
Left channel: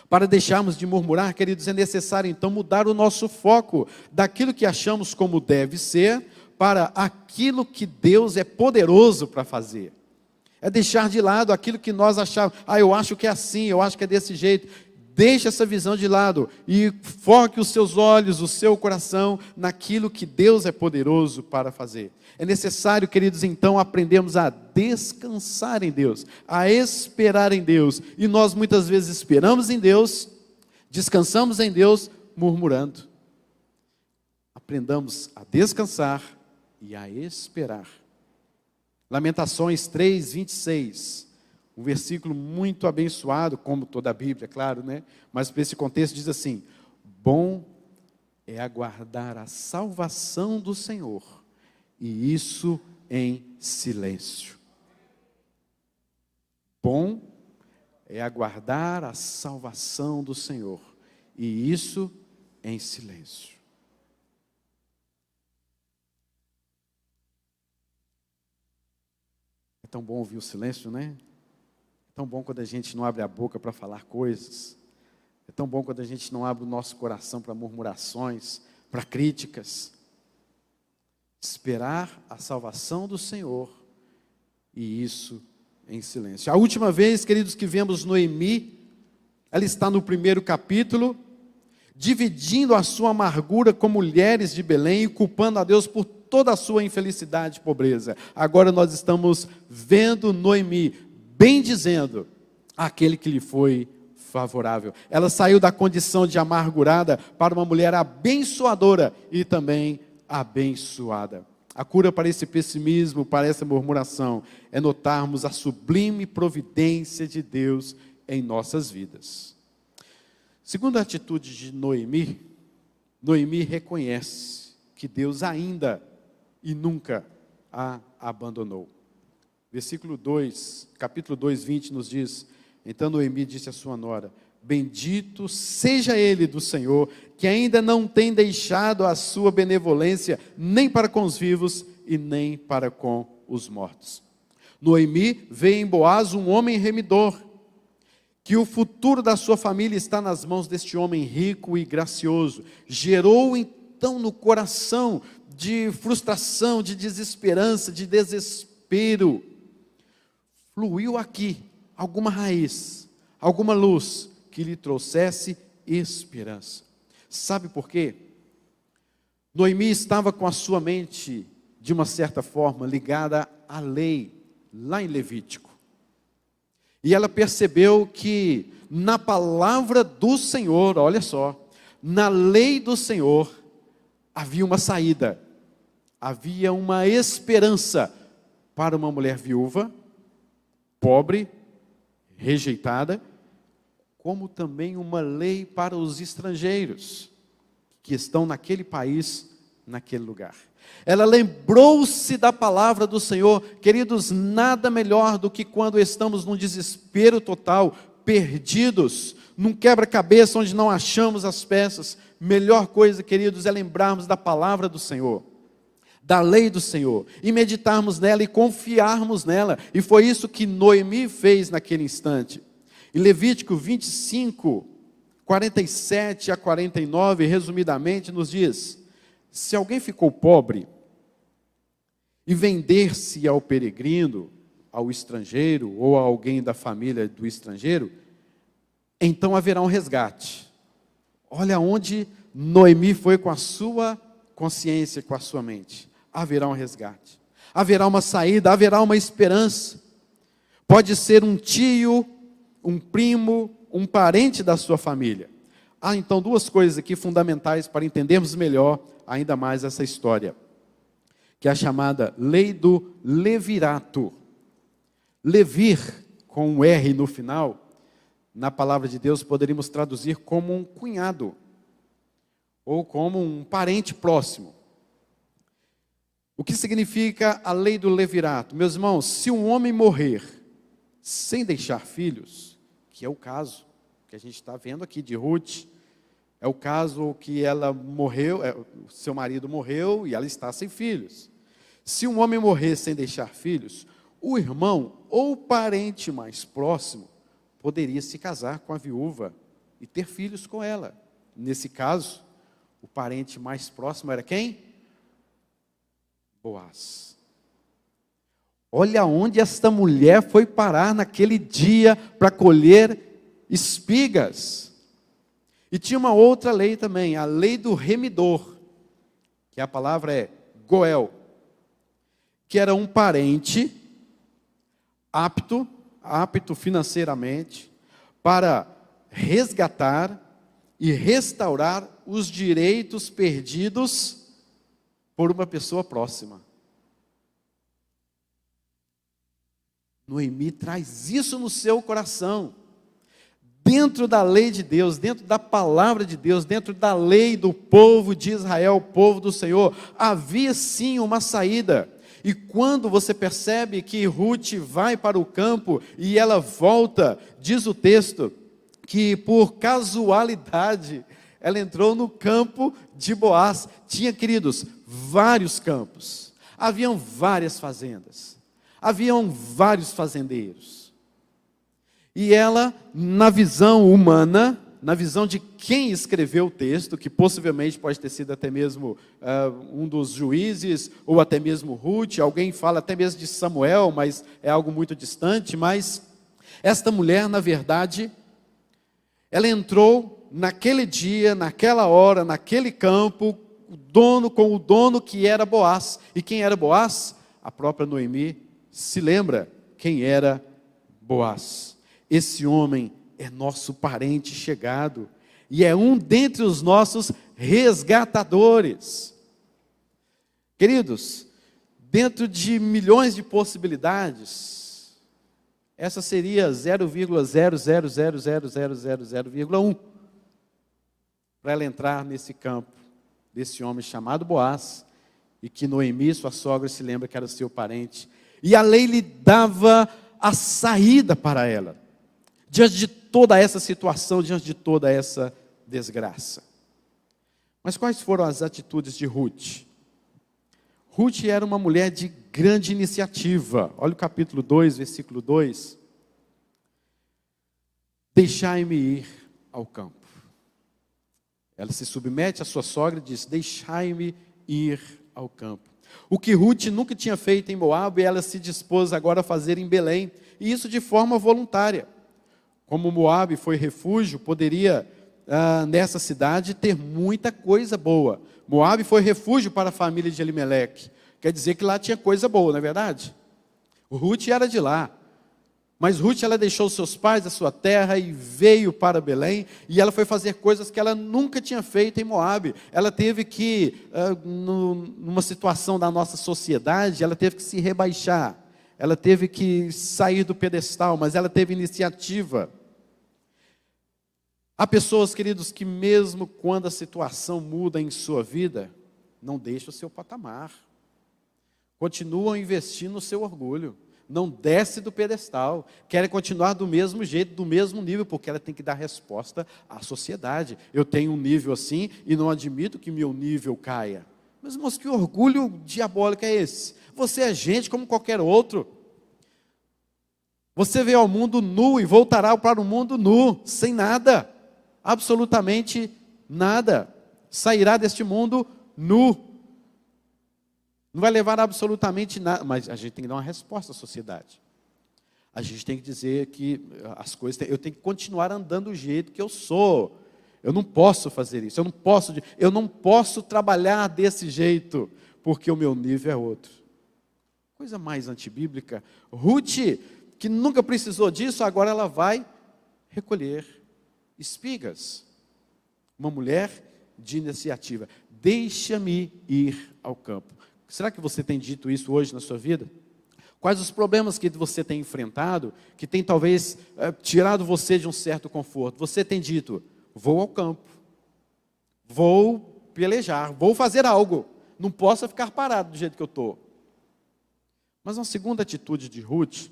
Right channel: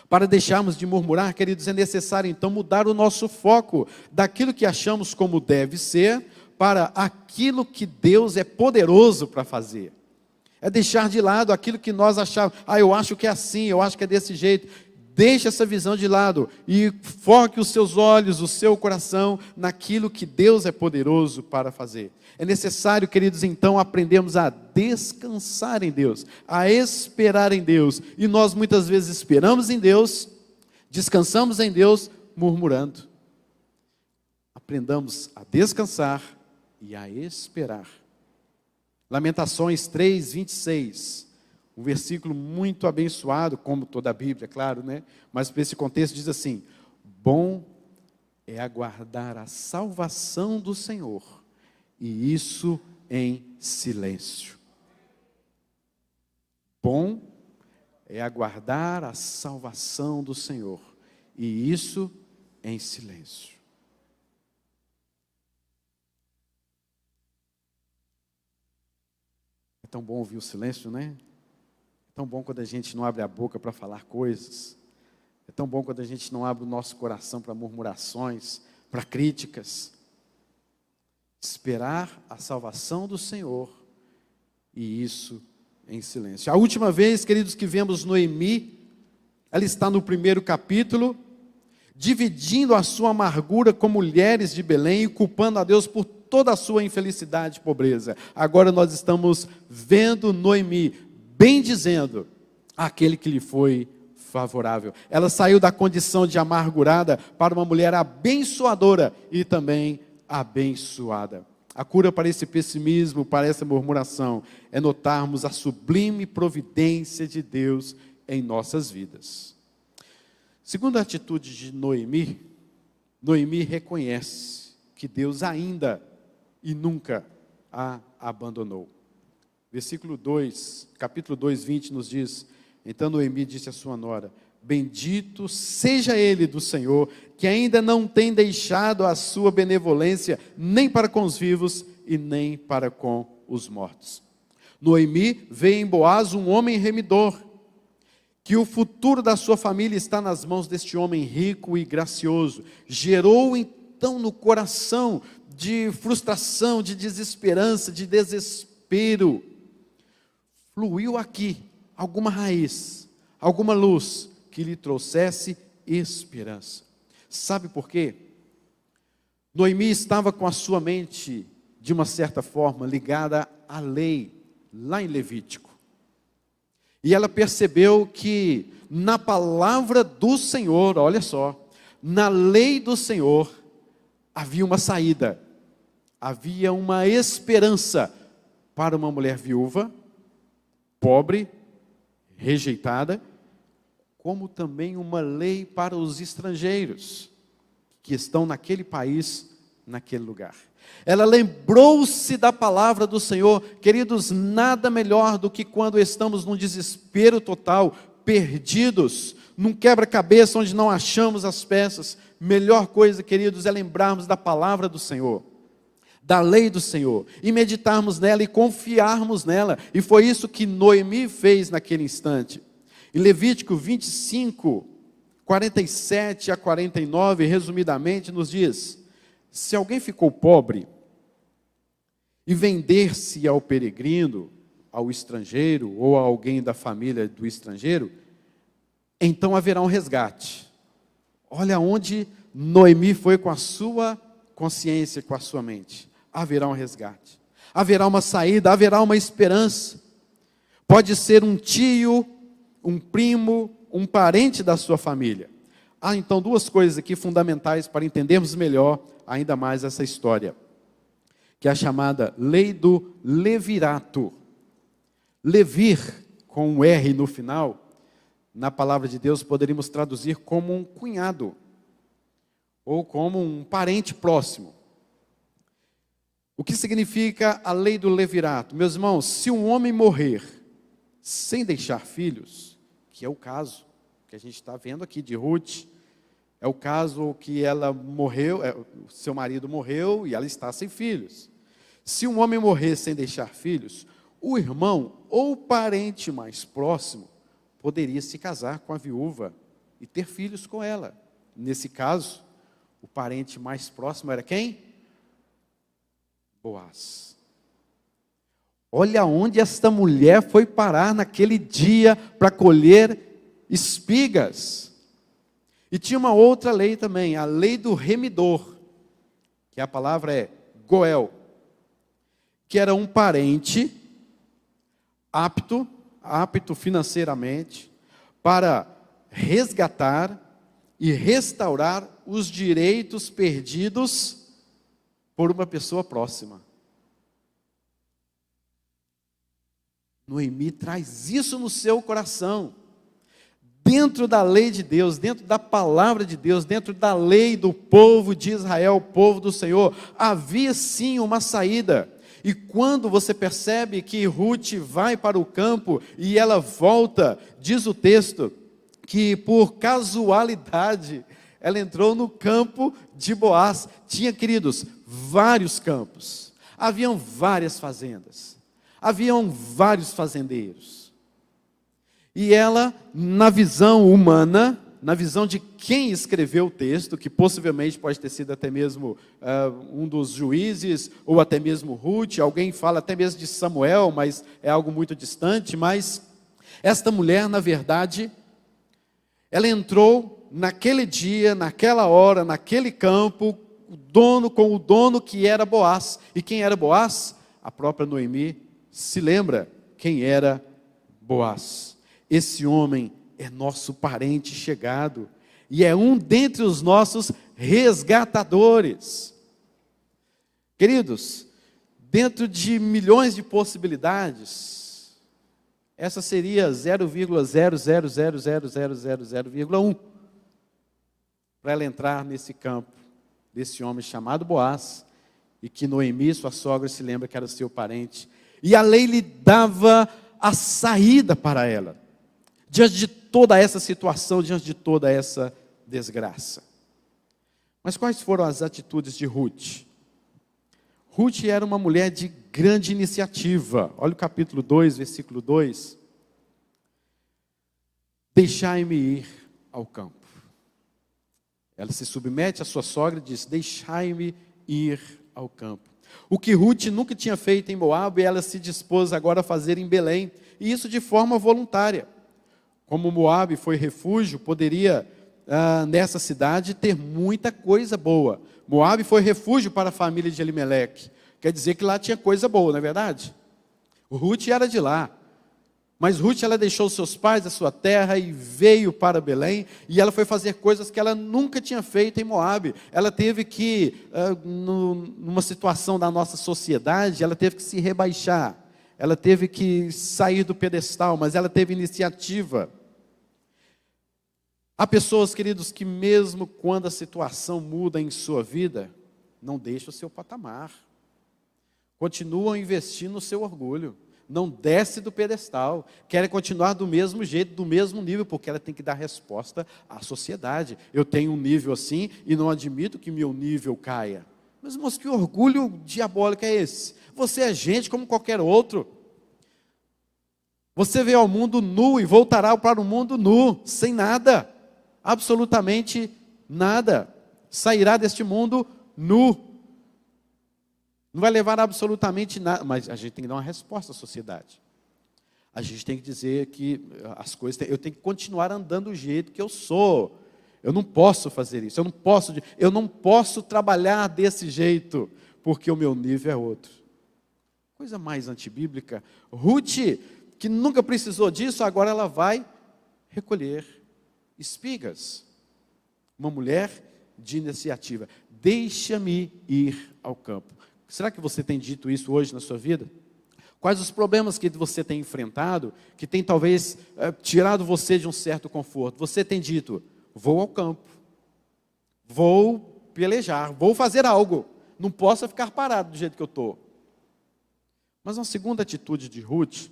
Para deixarmos de murmurar, queridos, é necessário então mudar o nosso foco daquilo que achamos como deve ser para aquilo que Deus é poderoso para fazer. É deixar de lado aquilo que nós achamos, eu acho que é assim, eu acho que é desse jeito. Deixe essa visão de lado e foque os seus olhos, o seu coração naquilo que Deus é poderoso para fazer. É necessário, queridos, então aprendermos a descansar em Deus, a esperar em Deus. E nós muitas vezes esperamos em Deus, descansamos em Deus, murmurando. Aprendamos a descansar e a esperar. Lamentações 3, 26. Um versículo muito abençoado, como toda a Bíblia, claro, né? Mas para esse contexto diz assim: bom é aguardar a salvação do Senhor, e isso em silêncio. Bom é aguardar a salvação do Senhor, e isso em silêncio. É tão bom ouvir o silêncio, né? É tão bom quando a gente não abre a boca para falar coisas. É tão bom quando a gente não abre o nosso coração para murmurações, para críticas. Esperar a salvação do Senhor, e isso em silêncio. A última vez, queridos, que vemos Noemi, ela está no 1º capítulo, dividindo a sua amargura com mulheres de Belém e culpando a Deus por toda a sua infelicidade e pobreza. Agora nós estamos vendo Noemi bendizendo aquele que lhe foi favorável. Ela saiu da condição de amargurada para uma mulher abençoadora e também abençoada. A cura para esse pessimismo, para essa murmuração, é notarmos a sublime providência de Deus em nossas vidas. Segundo a atitude de Noemi, Noemi reconhece que Deus ainda e nunca a abandonou. Versículo 2, capítulo 2, 20 nos diz: então Noemi disse à sua nora: bendito seja ele do Senhor, que ainda não tem deixado a sua benevolência, nem para com os vivos e nem para com os mortos. Noemi vê em Boaz um homem remidor, que o futuro da sua família está nas mãos deste homem rico e gracioso. Gerou então no coração de frustração, de desesperança, de desespero. Fluiu aqui alguma raiz, alguma luz que lhe trouxesse esperança. Sabe por quê? Noemi estava com a sua mente, de uma certa forma, ligada à lei, lá em Levítico. E ela percebeu que na palavra do Senhor, olha só, na lei do Senhor, havia uma saída, havia uma esperança para uma mulher viúva, pobre, rejeitada, como também uma lei para os estrangeiros que estão naquele país, naquele lugar. Ela lembrou-se da palavra do Senhor. Queridos, nada melhor do que quando estamos num desespero total, perdidos, num quebra-cabeça onde não achamos as peças. Melhor coisa, queridos, é lembrarmos da palavra do Senhor, da lei do Senhor, e meditarmos nela e confiarmos nela. E foi isso que Noemi fez naquele instante. Em Levítico 25, 47 a 49, resumidamente, nos diz: se alguém ficou pobre e vender-se ao peregrino, ao estrangeiro, ou a alguém da família do estrangeiro, então haverá um resgate. Olha onde Noemi foi com a sua consciência, com a sua mente. Haverá um resgate, haverá uma saída, haverá uma esperança. Pode ser um tio, um primo, um parente da sua família. Há então duas coisas aqui fundamentais para entendermos melhor ainda mais essa história, que é a chamada lei do levirato. Levir, com um R no final, na palavra de Deus poderíamos traduzir como um cunhado, ou como um parente próximo. O que significa a lei do levirato? Meus irmãos, se um homem morrer sem deixar filhos, que é o caso que a gente está vendo aqui de Ruth, é o caso que ela morreu, seu marido morreu e ela está sem filhos. Se um homem morrer sem deixar filhos, o irmão ou parente mais próximo poderia se casar com a viúva e ter filhos com ela. Nesse caso, o parente mais próximo era quem? Boaz. Olha onde esta mulher foi parar naquele dia para colher espigas. E tinha uma outra lei também, a lei do remidor, que a palavra é Goel, que era um parente apto financeiramente para resgatar e restaurar os direitos perdidos por uma pessoa próxima. Noemi traz isso no seu coração. Dentro da lei de Deus, dentro da palavra de Deus, dentro da lei do povo de Israel, o povo do Senhor, havia sim uma saída. E quando você percebe que Ruth vai para o campo e ela volta, diz o texto, que por casualidade ela entrou no campo de Boaz. Tinha, queridos, vários campos, haviam várias fazendas, haviam vários fazendeiros. E ela, na visão humana, na visão de quem escreveu o texto, que possivelmente pode ter sido até mesmo um dos juízes, ou até mesmo Ruth, alguém fala até mesmo de Samuel, mas é algo muito distante. Mas esta mulher, na verdade, ela entrou naquele dia, naquela hora, naquele campo, com o dono que era Boaz. E quem era Boaz? A própria Noemi se lembra quem era Boaz. Esse homem é nosso parente chegado e é um dentre os nossos resgatadores. Queridos, dentro de milhões de possibilidades, essa seria 0,0000000,1 para ela entrar nesse campo, desse homem chamado Boaz, e que Noemi, sua sogra, se lembra que era seu parente. E a lei lhe dava a saída para ela, diante de toda essa situação, diante de toda essa desgraça. Mas quais foram as atitudes de Ruth? Ruth era uma mulher de grande iniciativa. Olha o capítulo 2, versículo 2. Deixai-me ir ao campo. Ela se submete à sua sogra e diz, deixai-me ir ao campo. O que Ruth nunca tinha feito em Moabe, ela se dispôs agora a fazer em Belém, e isso de forma voluntária. Como Moabe foi refúgio, poderia nessa cidade ter muita coisa boa. Moabe foi refúgio para a família de Elimeleque. Quer dizer que lá tinha coisa boa, não é verdade? Ruth era de lá. Mas Ruth, ela deixou seus pais, a sua terra, e veio para Belém, e ela foi fazer coisas que ela nunca tinha feito em Moabe. Ela teve que, numa situação da nossa sociedade, ela teve que se rebaixar, ela teve que sair do pedestal, mas ela teve iniciativa. Há pessoas, queridos, que mesmo quando a situação muda em sua vida, não deixam o seu patamar, continuam investindo no seu orgulho, não desce do pedestal, querem continuar do mesmo jeito, do mesmo nível, porque ela tem que dar resposta à sociedade. Eu tenho um nível assim e não admito que meu nível caia. Mas, irmãos, que orgulho diabólico é esse? Você é gente como qualquer outro. Você veio ao mundo nu e voltará para o mundo nu, sem nada, absolutamente nada. Sairá deste mundo nu. Não vai levar absolutamente nada, mas a gente tem que dar uma resposta à sociedade. A gente tem que dizer que as coisas, eu tenho que continuar andando do jeito que eu sou. Eu não posso fazer isso, eu não posso trabalhar desse jeito, porque o meu nível é outro. Coisa mais antibíblica. Ruth, que nunca precisou disso, agora ela vai recolher espigas. Uma mulher de iniciativa. Deixa-me ir ao campo. Será que você tem dito isso hoje na sua vida? Quais os problemas que você tem enfrentado, que tem talvez tirado você de um certo conforto? Você tem dito, vou ao campo, vou pelejar, vou fazer algo, não posso ficar parado do jeito que eu estou. Mas uma segunda atitude de Ruth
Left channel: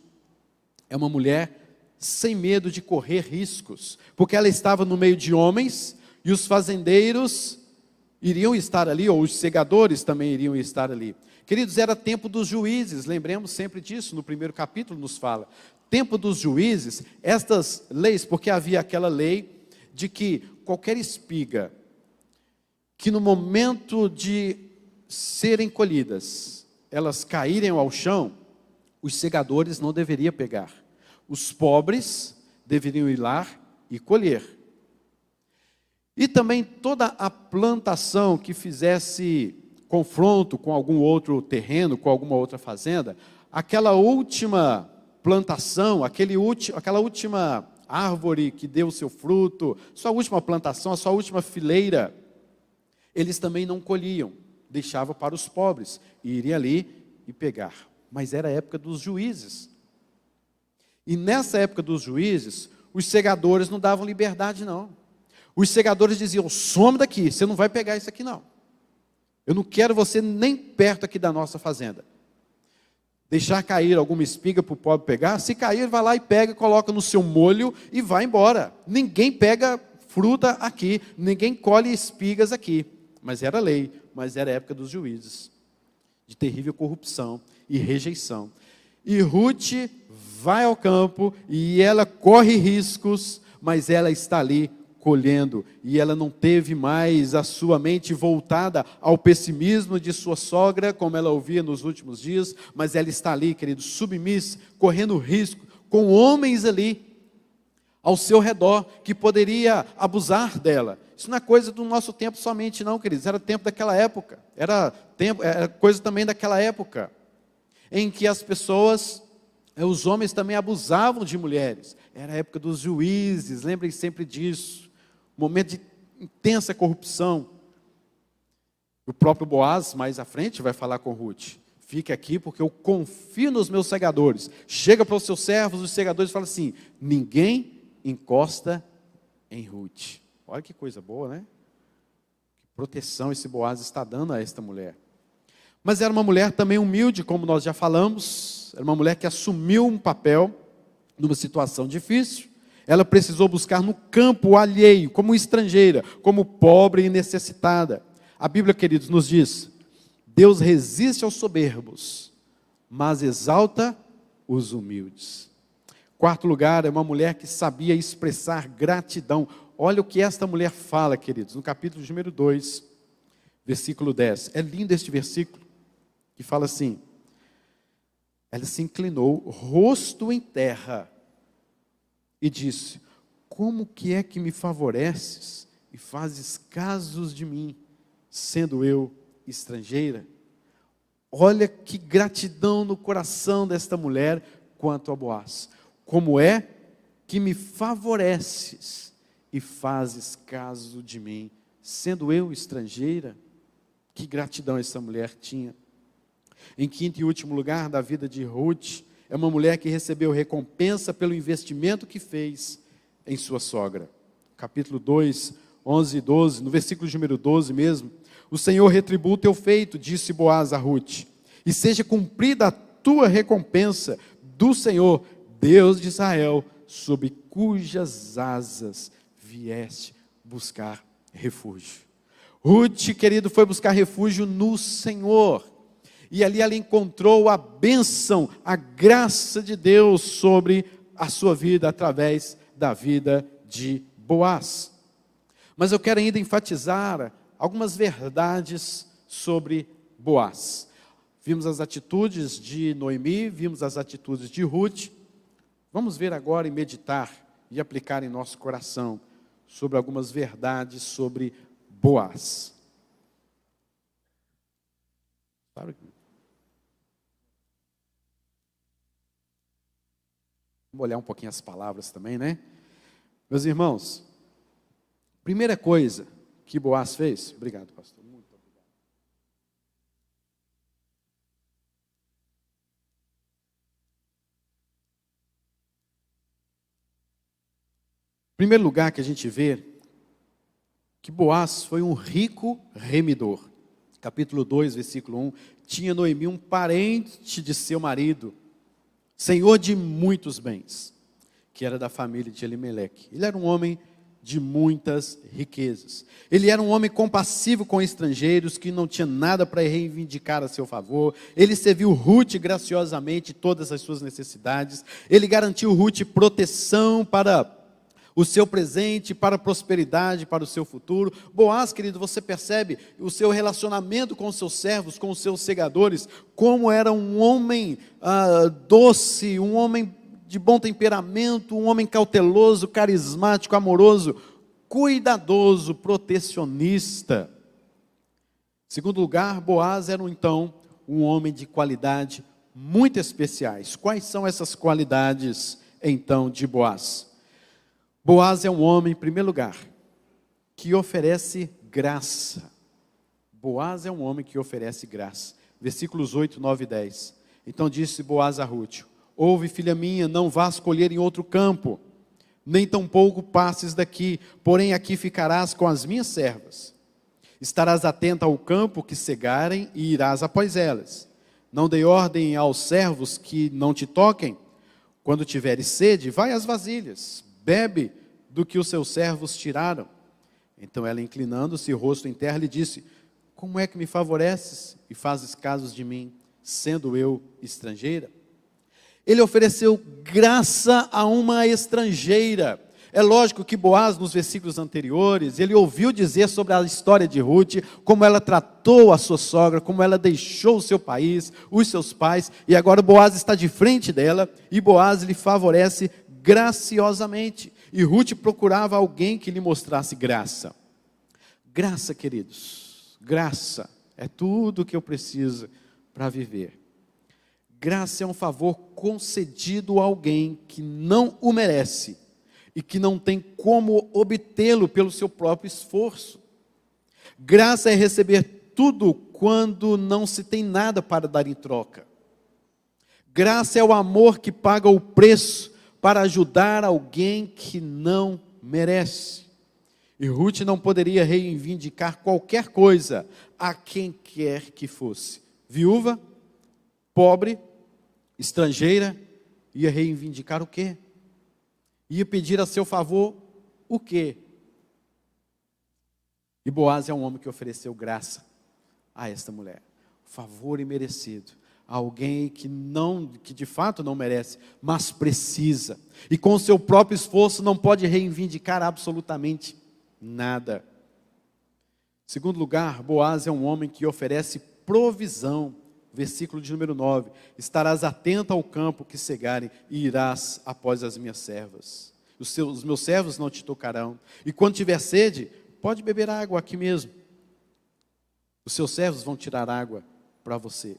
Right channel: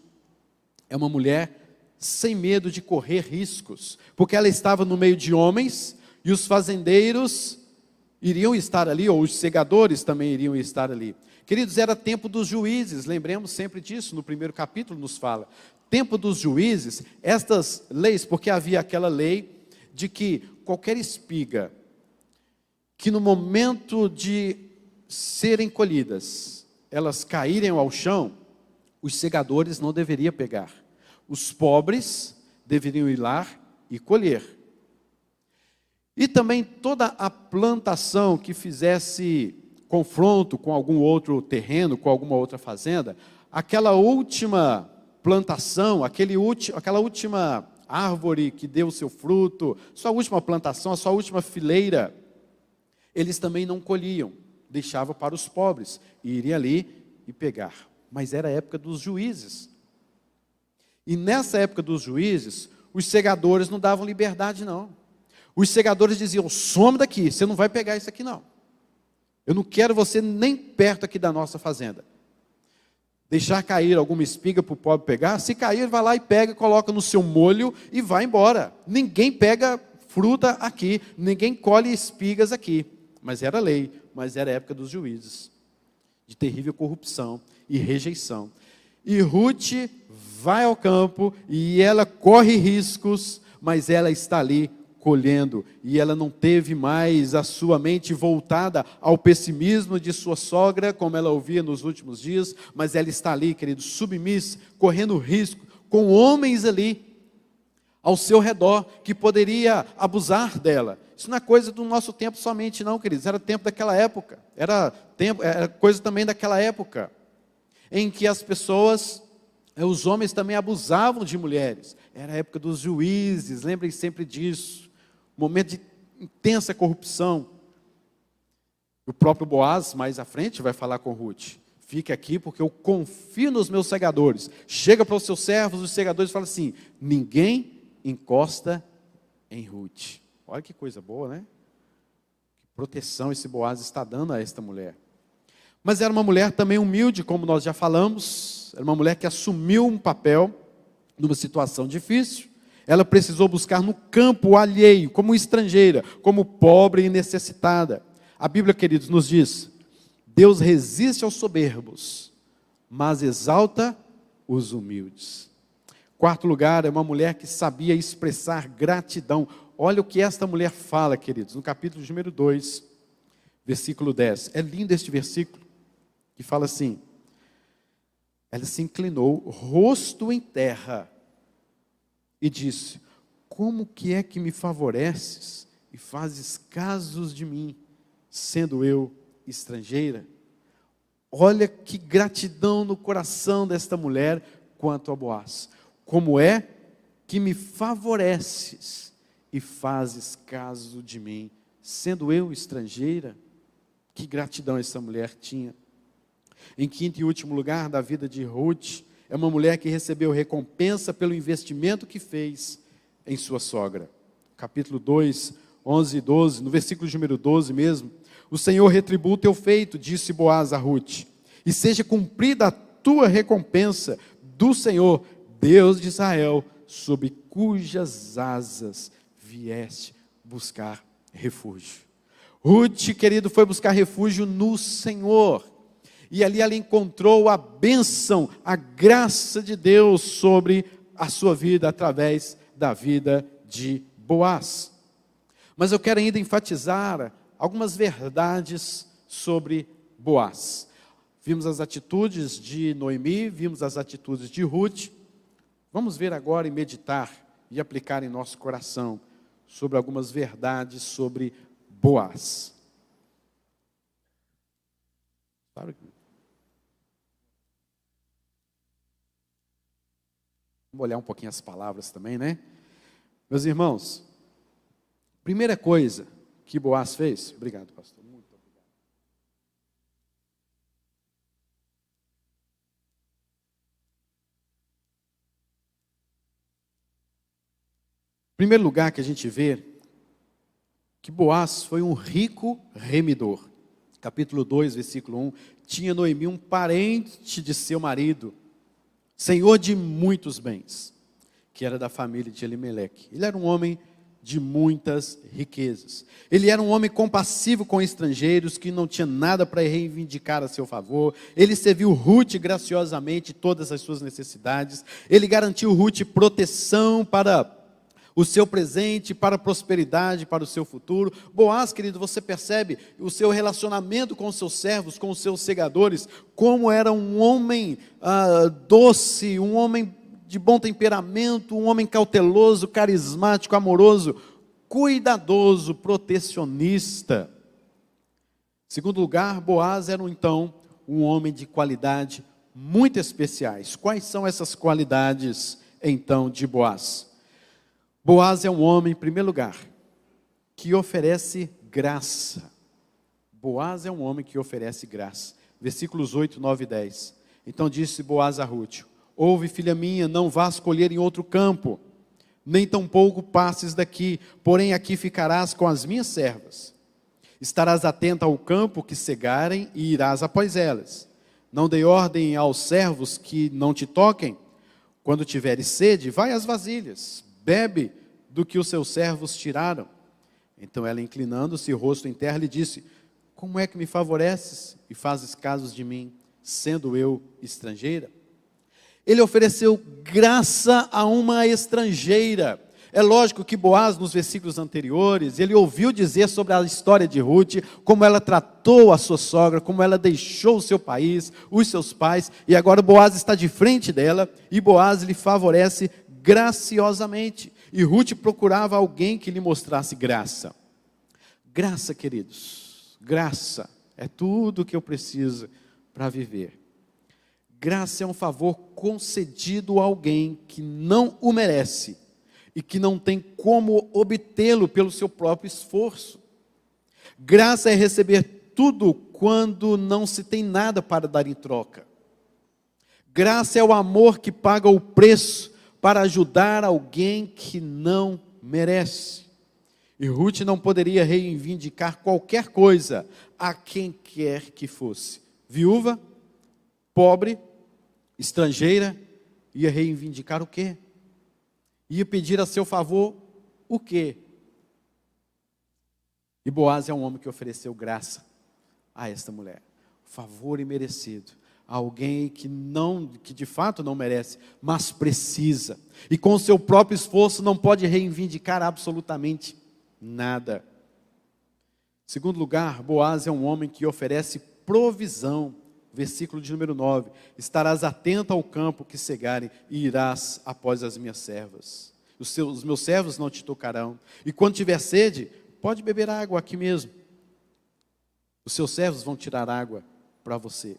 é uma mulher sem medo de correr riscos, porque ela estava no meio de homens e os fazendeiros iriam estar ali, ou os segadores também iriam estar ali. Queridos, era tempo dos juízes, lembremos sempre disso, no primeiro capítulo nos fala. Tempo dos juízes, estas leis, porque havia aquela lei de que qualquer espiga, que no momento de serem colhidas, elas caírem ao chão, os segadores não deveriam pegar. Os pobres deveriam ir lá e colher. E também toda a plantação que fizesse confronto com algum outro terreno, com alguma outra fazenda, aquela última plantação, aquela última árvore que deu o seu fruto, sua última plantação, a sua última fileira, eles também não colhiam, deixavam para os pobres, e iriam ali e pegar. Mas era a época dos juízes. E nessa época dos juízes, os segadores não davam liberdade não. Os segadores diziam, some daqui, você não vai pegar isso aqui não. Eu não quero você nem perto aqui da nossa fazenda. Deixar cair alguma espiga para o pobre pegar, se cair, vai lá e pega, coloca no seu molho e vai embora. Ninguém pega fruta aqui, ninguém colhe espigas aqui. Mas era lei, mas era a época dos juízes, de terrível corrupção e rejeição. E Ruth vai ao campo e ela corre riscos, mas ela está ali colhendo, e ela não teve mais a sua mente voltada ao pessimismo de sua sogra, como ela ouvia nos últimos dias, mas ela está ali, querido, submissa, correndo risco, com homens ali, ao seu redor, que poderia abusar dela. Isso não é coisa do nosso tempo somente não, queridos, era tempo daquela época, era coisa também daquela época, em que as pessoas, os homens também abusavam de mulheres, era a época dos juízes, lembrem sempre disso, momento de intensa corrupção. O próprio Boaz, mais à frente, vai falar com Ruth, fique aqui porque eu confio nos meus segadores. Chega para os seus servos, os segadores, e fala assim: ninguém encosta em Ruth. Olha que coisa boa, né? Que proteção esse Boaz está dando a esta mulher. Mas era uma mulher também humilde, como nós já falamos. Era uma mulher que assumiu um papel numa situação difícil. Ela precisou buscar no campo alheio, como estrangeira, como pobre e necessitada. A Bíblia, queridos, nos diz: Deus resiste aos soberbos, mas exalta os humildes. Quarto lugar, é uma mulher que sabia expressar gratidão. Olha o que esta mulher fala, queridos, no capítulo número 2, versículo 10. É lindo este versículo, que fala assim: ela se inclinou, rosto em terra, e disse: como que é que me favoreces e fazes casos de mim, sendo eu estrangeira? Olha que gratidão no coração desta mulher quanto a Boaz. Como é que me favoreces e fazes caso de mim, sendo eu estrangeira? Que gratidão essa mulher tinha. Em quinto e último lugar da vida de Ruth, é uma mulher que recebeu recompensa pelo investimento que fez em sua sogra. Capítulo 2, 11 e 12, no versículo número 12 mesmo: o Senhor retribua o teu feito, disse Boaz a Ruth, e seja cumprida a tua recompensa do Senhor, Deus de Israel, sob cujas asas vieste buscar refúgio. Ruth, querido, foi buscar refúgio no Senhor. E ali ela encontrou a bênção, a graça de Deus sobre a sua vida, através da vida de Boaz. Mas eu quero ainda enfatizar algumas verdades sobre Boaz. Vimos as atitudes de Noemi, vimos as atitudes de Ruth. Vamos ver agora e meditar e aplicar em nosso coração sobre algumas verdades sobre Boaz. Claro que vamos olhar um pouquinho as palavras também, né? Meus irmãos, primeira coisa que Boaz fez, obrigado, pastor. Muito obrigado. Primeiro lugar que a gente vê que Boaz foi um rico remidor. Capítulo 2, versículo 1, tinha Noemi um parente de seu marido, senhor de muitos bens, que era da família de Elimeleque. Ele era um homem de muitas riquezas. Ele era um homem compassivo com estrangeiros, que não tinha nada para reivindicar a seu favor. Ele serviu Ruth graciosamente todas as suas necessidades. Ele garantiu Ruth proteção para o seu presente, para a prosperidade, para o seu futuro. Boaz, querido, você percebe o seu relacionamento com os seus servos, com os seus segadores, como era um homem doce, um homem de bom temperamento, um homem cauteloso, carismático, amoroso, cuidadoso, protecionista. Segundo lugar, Boaz era então um homem de qualidade muito especiais. Quais são essas qualidades então de Boaz? Boaz é um homem, em primeiro lugar, que oferece graça. Boaz é um homem que oferece graça. Versículos 8, 9 e 10. Então disse Boaz a Ruth: ouve, filha minha, não vás colher em outro campo, nem tampouco passes daqui, porém aqui ficarás com as minhas servas. Estarás atenta ao campo que cegarem e irás após elas. Não dei ordem aos servos que não te toquem. Quando tiveres sede, vai às vasilhas, bebe do que os seus servos tiraram. Então ela, inclinando-se, rosto em terra, lhe disse: como é que me favoreces e fazes casos de mim, sendo eu estrangeira? Ele ofereceu graça a uma estrangeira. É lógico que Boaz, nos versículos anteriores, ele ouviu dizer sobre a história de Ruth, como ela tratou a sua sogra, como ela deixou o seu país, os seus pais, e agora Boaz está de frente dela, e Boaz lhe favorece graciosamente. E Ruth procurava alguém que lhe mostrasse graça. Graça, queridos, graça é tudo o que eu preciso para viver. Graça é um favor concedido a alguém que não o merece e que não tem como obtê-lo pelo seu próprio esforço. Graça é receber tudo quando não se tem nada para dar em troca. Graça é o amor que paga o preço para ajudar alguém que não merece. E Ruth não poderia reivindicar qualquer coisa a quem quer que fosse. Viúva, pobre, estrangeira, ia reivindicar o quê? Ia pedir a seu favor o quê? E Boaz é um homem que ofereceu graça a esta mulher. Favor imerecido. Alguém que de fato não merece, mas precisa. E com o seu próprio esforço não pode reivindicar absolutamente nada. Em segundo lugar, Boaz é um homem que oferece provisão. Versículo de número 9. Estarás atento ao campo que cegarem e irás após as minhas servas. Os meus servos não te tocarão. E quando tiver sede, pode beber água aqui mesmo. Os seus servos vão tirar água para você.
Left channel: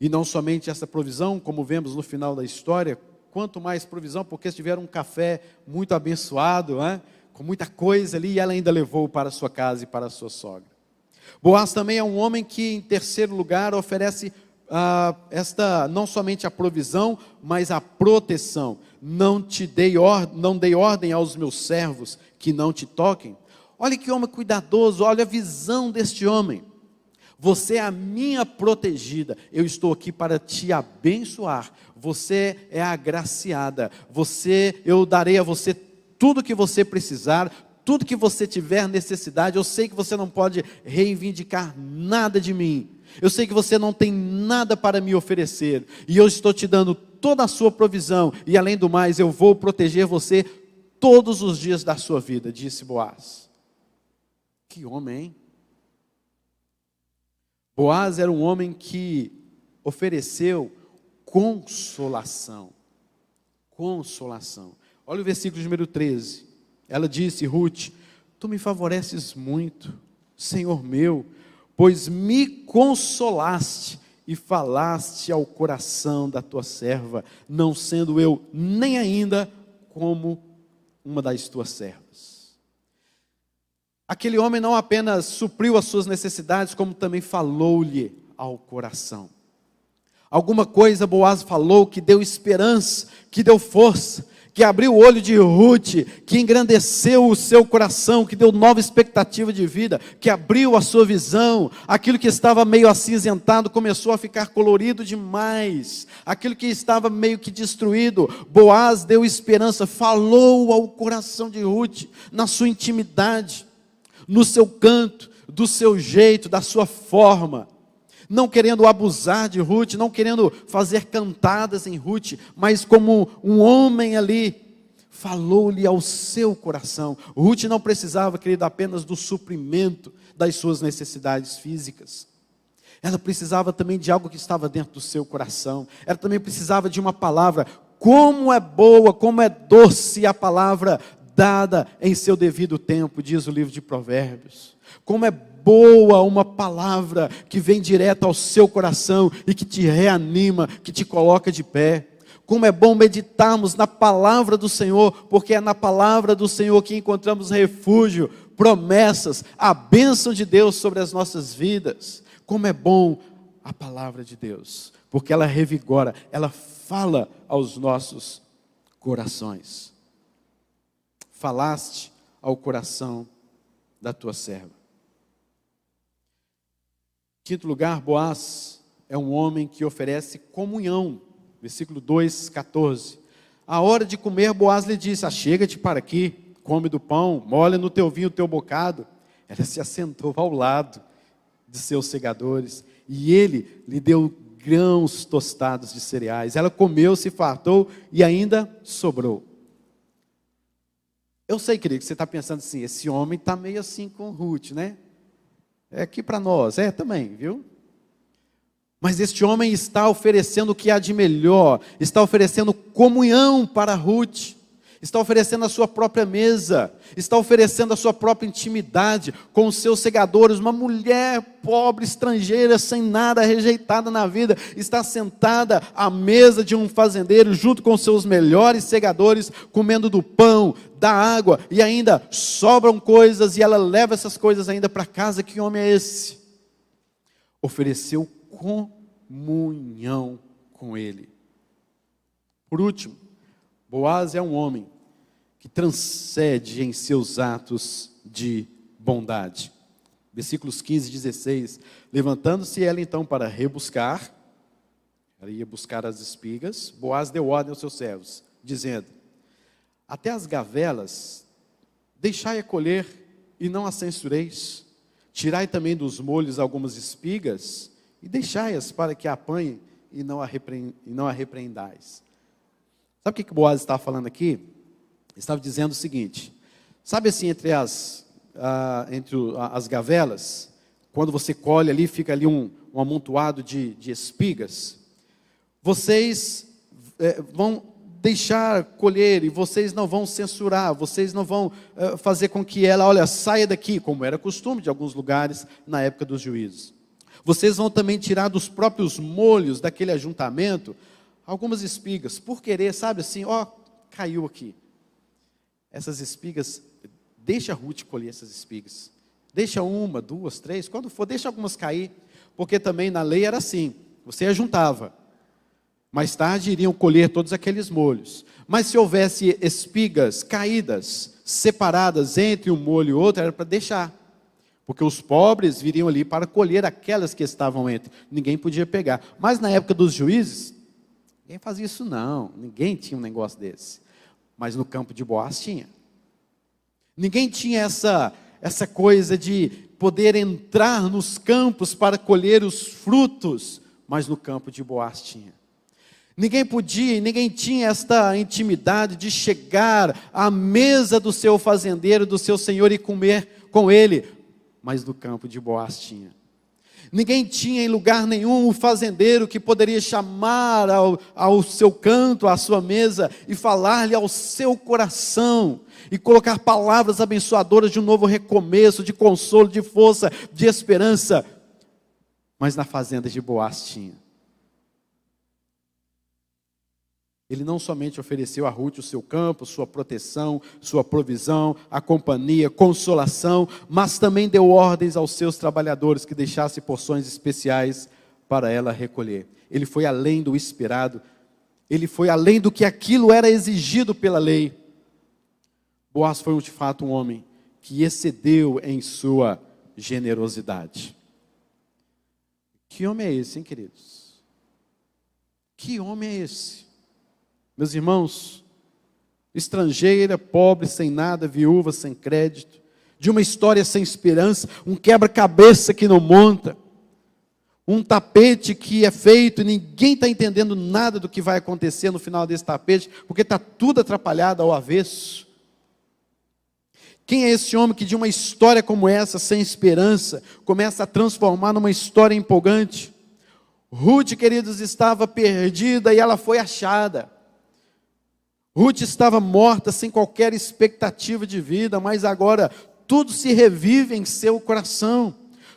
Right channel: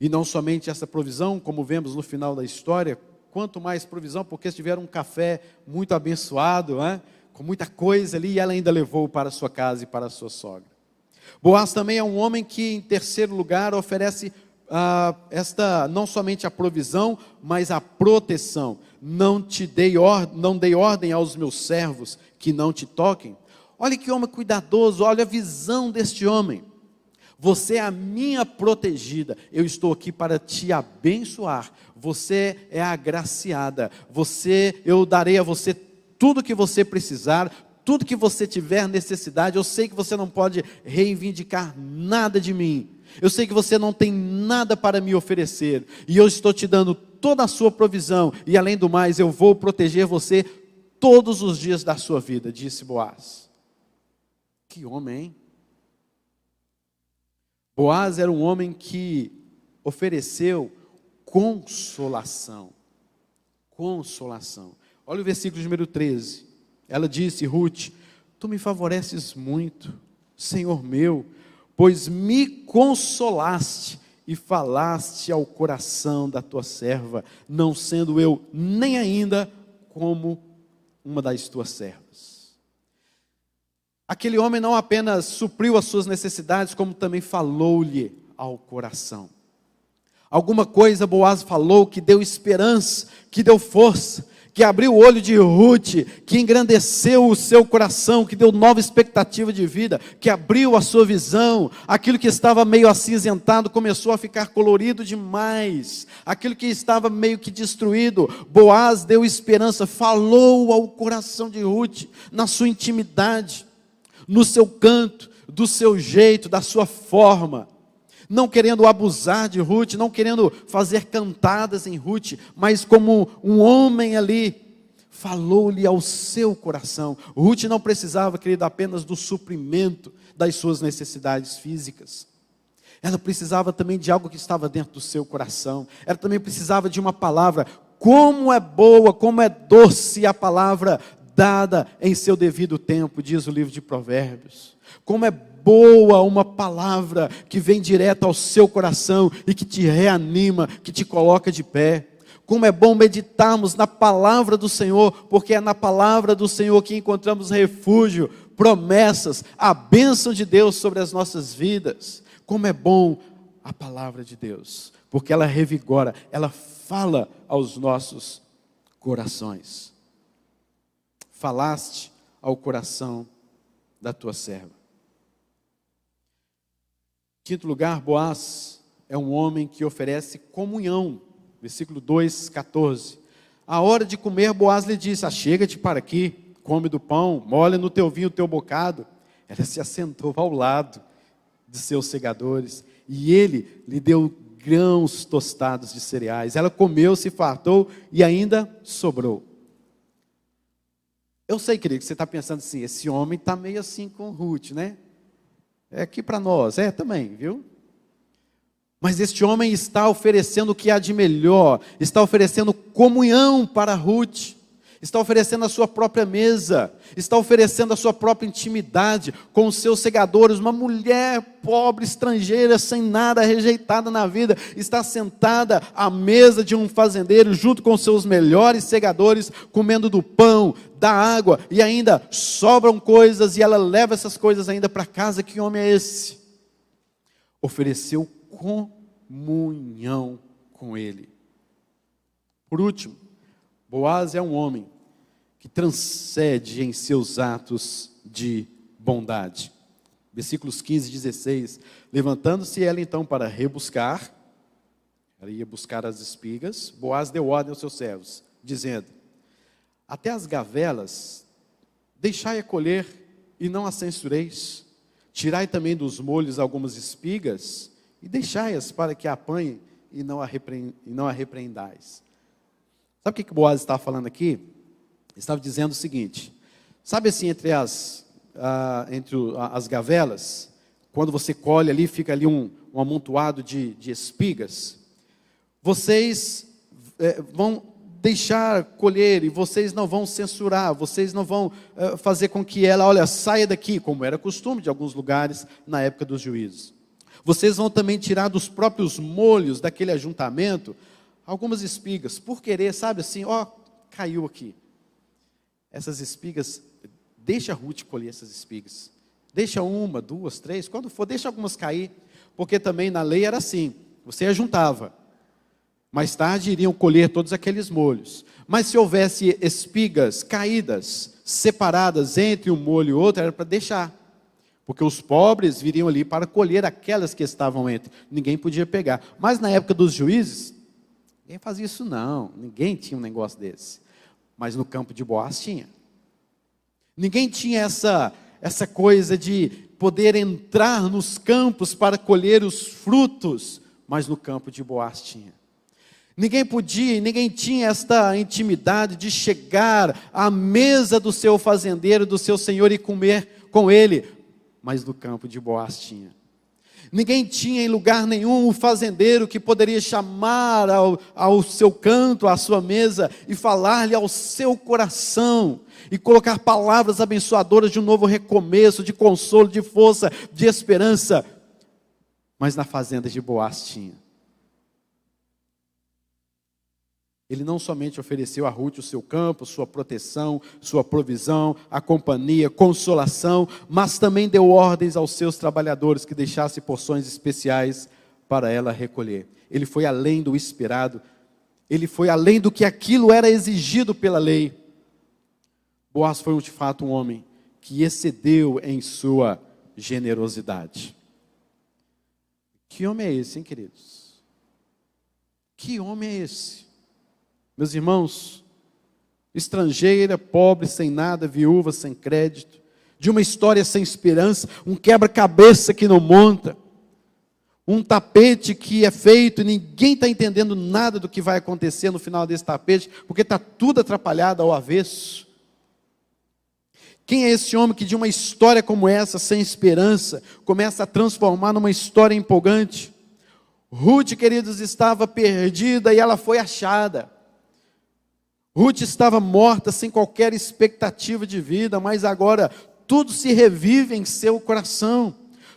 E não somente essa provisão, como vemos no final da história, quanto mais provisão, porque eles tiveram um café muito abençoado, com muita coisa ali, e ela ainda levou para a sua casa e para a sua sogra. Boaz também é um homem que, em terceiro lugar, oferece não somente a provisão, mas a proteção. Não dei ordem aos meus servos que não te toquem. Olha que homem cuidadoso, olha a visão deste homem. Você é a minha protegida, eu estou aqui para te abençoar. Você é agraciada, eu darei a você tudo que você precisar, tudo que você tiver necessidade. Eu sei que você não pode reivindicar nada de mim. Eu sei que você não tem nada para me oferecer. E eu estou te dando toda a sua provisão. E além do mais, eu vou proteger você todos os dias da sua vida, disse Boaz. Que homem, hein? Boaz era um homem que ofereceu consolação. Consolação. Olha o versículo número 13. Ela disse, Ruth, tu me favoreces muito, Senhor meu, pois me consolaste e falaste ao coração da tua serva, não sendo eu nem ainda como uma das tuas servas. Aquele homem não apenas supriu as suas necessidades, como também falou-lhe ao coração. Alguma coisa Boaz falou que deu esperança, que deu força, que abriu o olho de Ruth, que engrandeceu o seu coração, que deu nova expectativa de vida, que abriu a sua visão. Aquilo que estava meio acinzentado começou a ficar colorido demais. Aquilo que estava meio que destruído, Boaz deu esperança, falou ao coração de Ruth, na sua intimidade, no seu canto, do seu jeito, da sua forma. Não querendo abusar de Ruth, não querendo fazer cantadas em Ruth, mas como um homem ali, falou-lhe ao seu coração. Ruth não precisava, querido, apenas do suprimento das suas necessidades físicas. Ela precisava também de algo que estava dentro do seu coração. Ela também precisava de uma palavra. Como é boa, como é doce a palavra dada em seu devido tempo, diz o livro de Provérbios. Como é boa uma palavra que vem direto ao seu coração e que te reanima, que te coloca de pé. Como é bom meditarmos na palavra do Senhor, porque é na palavra do Senhor que encontramos refúgio, promessas, a bênção de Deus sobre as nossas vidas. Como é bom a palavra de Deus, porque ela revigora, ela fala aos nossos corações. Falaste ao coração da tua serva. Quinto lugar, Boaz é um homem que oferece comunhão. Versículo 2, 14. A hora de comer, Boaz lhe disse, achega-te para aqui, come do pão, molha no teu vinho o teu bocado. Ela se assentou ao lado de seus segadores, e ele lhe deu grãos tostados de cereais. Ela comeu, se fartou, e ainda sobrou. Eu sei, querido, que você está pensando assim, esse homem está meio assim com Ruth, né? É aqui para nós, também, viu? Mas este homem está oferecendo o que há de melhor, está oferecendo comunhão para Ruth, está oferecendo a sua própria mesa, está oferecendo a sua própria intimidade com os seus segadores. Uma mulher pobre, estrangeira, sem nada, rejeitada na vida, está sentada à mesa de um fazendeiro, junto com os seus melhores segadores, comendo do pão, da água, e ainda sobram coisas, e ela leva essas coisas ainda para casa. Que homem é esse? ofereceu comunhão com ele. Por último, Boaz é um homem que transcende em seus atos de bondade. Versículos 15 e 16. Levantando-se ela então para rebuscar, ela ia buscar as espigas, Boaz deu ordem aos seus servos, dizendo: até as gavelas deixai-a colher e não as censureis. Tirai também dos molhos algumas espigas e deixai-as para que a apanhem e não a repreendais. Sabe o que Boaz estava falando aqui? Ele estava dizendo o seguinte: sabe assim, entre as gavelas, quando você colhe ali, fica ali um amontoado de espigas, vocês vão deixar colher e vocês não vão censurar, vocês não vão fazer com que ela, olha, saia daqui, como era costume de alguns lugares na época dos juízes. Vocês vão também tirar dos próprios molhos daquele ajuntamento algumas espigas, por querer, sabe assim, ó, caiu aqui. Essas espigas, deixa a Ruth colher essas espigas. Deixa uma, duas, três, quando for, deixa algumas cair, porque também na lei era assim, você ajuntava. Mais tarde iriam colher todos aqueles molhos. Mas se houvesse espigas caídas, separadas entre um molho e outro, era para deixar. Porque os pobres viriam ali para colher aquelas que estavam entre. Ninguém podia pegar. Mas na época dos juízes, ninguém fazia isso não. Ninguém tinha um negócio desse. Mas no campo de Boaz tinha. Ninguém tinha essa coisa de poder entrar nos campos para colher os frutos. Mas no campo de Boaz tinha. Ninguém podia, ninguém tinha esta intimidade de chegar à mesa do seu fazendeiro, do seu senhor e comer com ele, mas no campo de Boaz tinha. Ninguém tinha em lugar nenhum o fazendeiro que poderia chamar ao seu canto, à sua mesa e falar-lhe ao seu coração e colocar palavras abençoadoras de um novo recomeço, de consolo, de força, de esperança, mas na fazenda de Boaz tinha. Ele não somente ofereceu a Ruth o seu campo, sua proteção, sua provisão, a companhia, consolação, mas também deu ordens aos seus trabalhadores que deixassem porções especiais para ela recolher. Ele foi além do esperado, ele foi além do que aquilo era exigido pela lei. Boaz foi de fato um homem que excedeu em sua generosidade. Que homem é esse, hein, queridos? Que homem é esse? Meus irmãos, estrangeira, pobre, sem nada, viúva, sem crédito, de uma história sem esperança, um quebra-cabeça que não monta, um tapete que é feito e ninguém está entendendo nada do que vai acontecer no final desse tapete, porque está tudo atrapalhado ao avesso. Quem é esse homem que de uma história como essa, sem esperança, começa a transformar numa história empolgante? Ruth, queridos, estava perdida e ela foi achada. Ruth estava morta, sem qualquer expectativa de vida, mas agora tudo se revive em seu coração.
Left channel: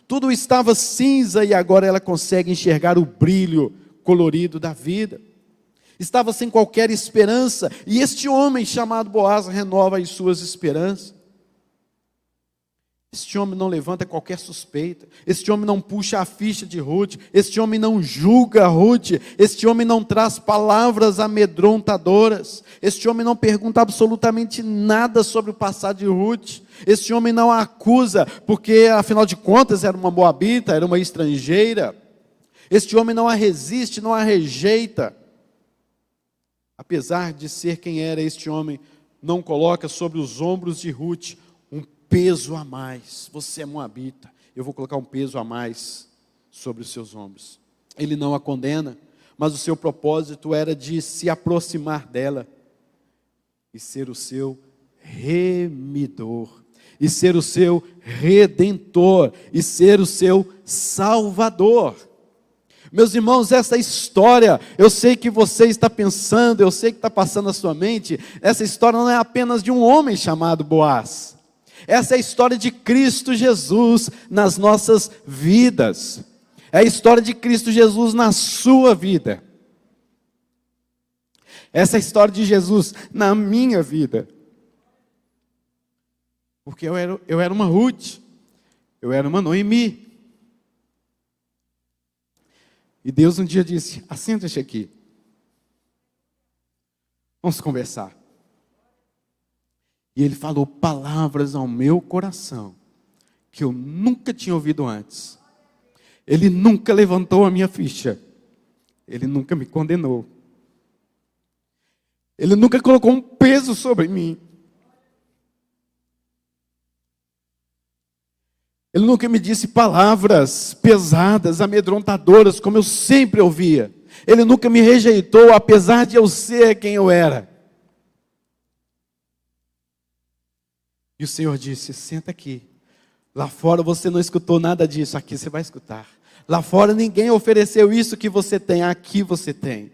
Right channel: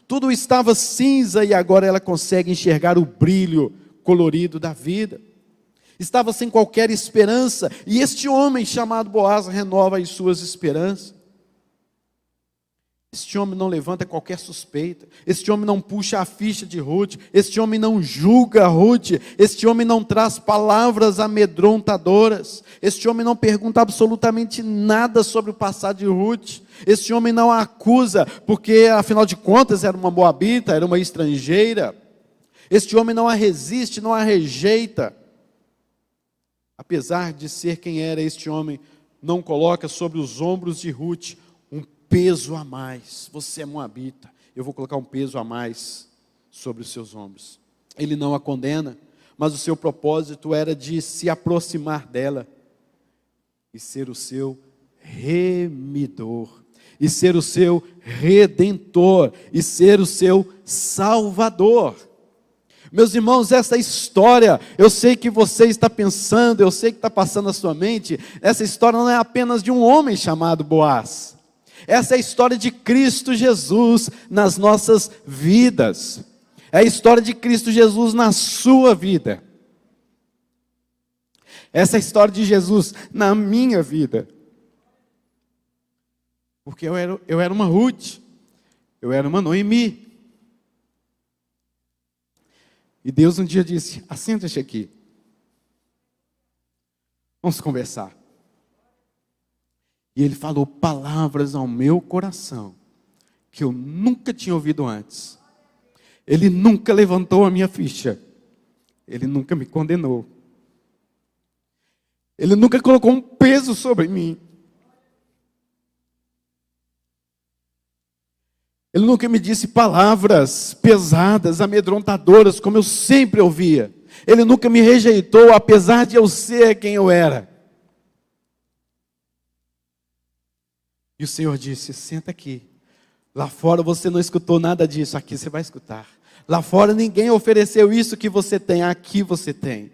Tudo estava cinza e agora ela consegue enxergar o brilho colorido da vida. Estava sem qualquer esperança e este homem chamado Boaz renova as suas esperanças. Este homem não levanta qualquer suspeita, este homem não puxa a ficha de Ruth, este homem não julga Ruth, este homem não traz palavras amedrontadoras, este homem não pergunta absolutamente nada sobre o passado de Ruth, este homem não a acusa, porque afinal de contas era uma moabita, era uma estrangeira, este homem não a resiste, não a rejeita, apesar de ser quem era este homem, não coloca sobre os ombros de Ruth peso a mais. Você é moabita, eu vou colocar um peso a mais sobre os seus ombros. Ele não a condena, mas o seu propósito era de se aproximar dela e ser o seu remidor, e ser o seu redentor, e ser o seu salvador. Meus irmãos, essa história, eu sei que você está pensando, eu sei que está passando na sua mente, essa história não é apenas de um homem chamado Boaz. Essa é a história de Cristo Jesus nas nossas vidas. É a história de Cristo Jesus na sua vida. Essa é a história de Jesus na minha vida. Porque eu era uma Ruth, eu era uma Noemi. E Deus um dia disse: assenta-te aqui. Vamos conversar. E Ele falou palavras ao meu coração que eu nunca tinha ouvido antes. Ele nunca levantou a minha ficha. Ele nunca me condenou. Ele nunca colocou um peso sobre mim. Ele nunca me disse palavras pesadas, amedrontadoras, como eu sempre ouvia. Ele nunca me rejeitou, apesar de eu ser quem eu era. E o Senhor disse: senta aqui. Lá fora você não escutou nada disso, aqui você vai escutar. Lá fora ninguém ofereceu isso que você tem, aqui você tem.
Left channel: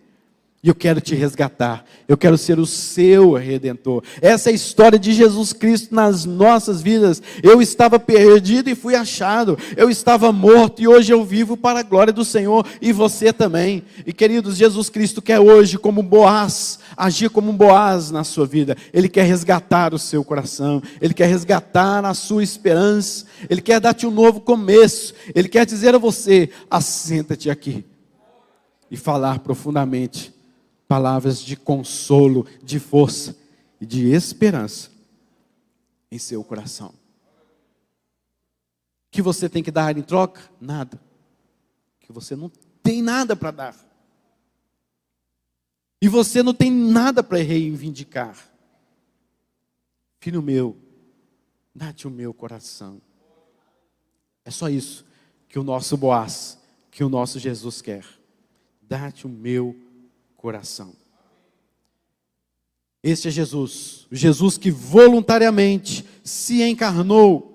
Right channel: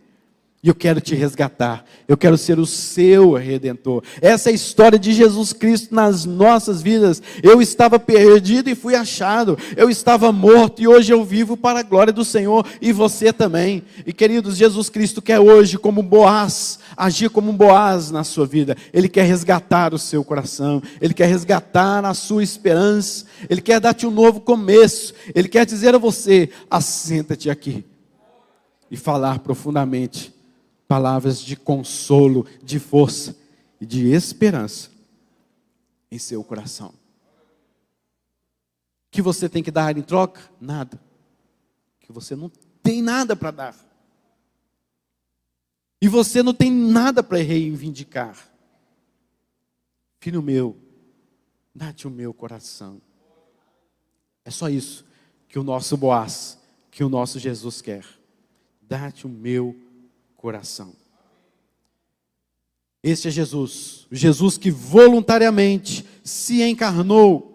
E eu quero te resgatar, eu quero ser o seu Redentor. Essa é a história de Jesus Cristo nas nossas vidas. Eu estava perdido e fui achado. Eu estava morto e hoje eu vivo para a glória do Senhor, e você também. E queridos, Jesus Cristo quer hoje, como Boaz, agir como um Boaz na sua vida. Ele quer resgatar o seu coração, Ele quer resgatar a sua esperança, Ele quer dar-te um novo começo. Ele quer dizer a você: assenta-te aqui, e falar profundamente palavras de consolo, de força e de esperança em seu coração. O que você tem que dar em troca? Nada. Que você não tem nada para dar. E você não tem nada para reivindicar. Filho meu, dá-te o meu coração. É só isso que o nosso Boaz, que o nosso Jesus quer. Dá-te o meu coração. Este é Jesus, o Jesus que voluntariamente se encarnou,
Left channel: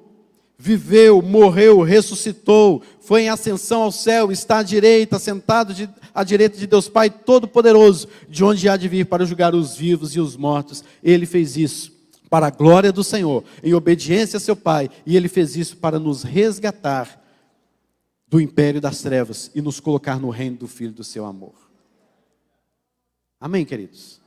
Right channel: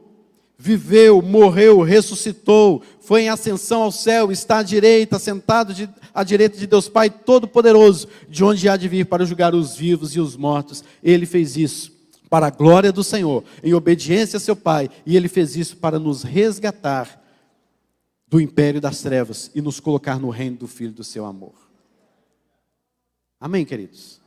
viveu, morreu, ressuscitou, foi em ascensão ao céu, está à direita, sentado à direita de Deus Pai Todo-Poderoso, de onde há de vir para julgar os vivos e os mortos. Ele fez isso para a glória do Senhor, em obediência a seu Pai, e Ele fez isso para nos resgatar do império das trevas e nos colocar no reino do Filho do seu amor. Amém, queridos?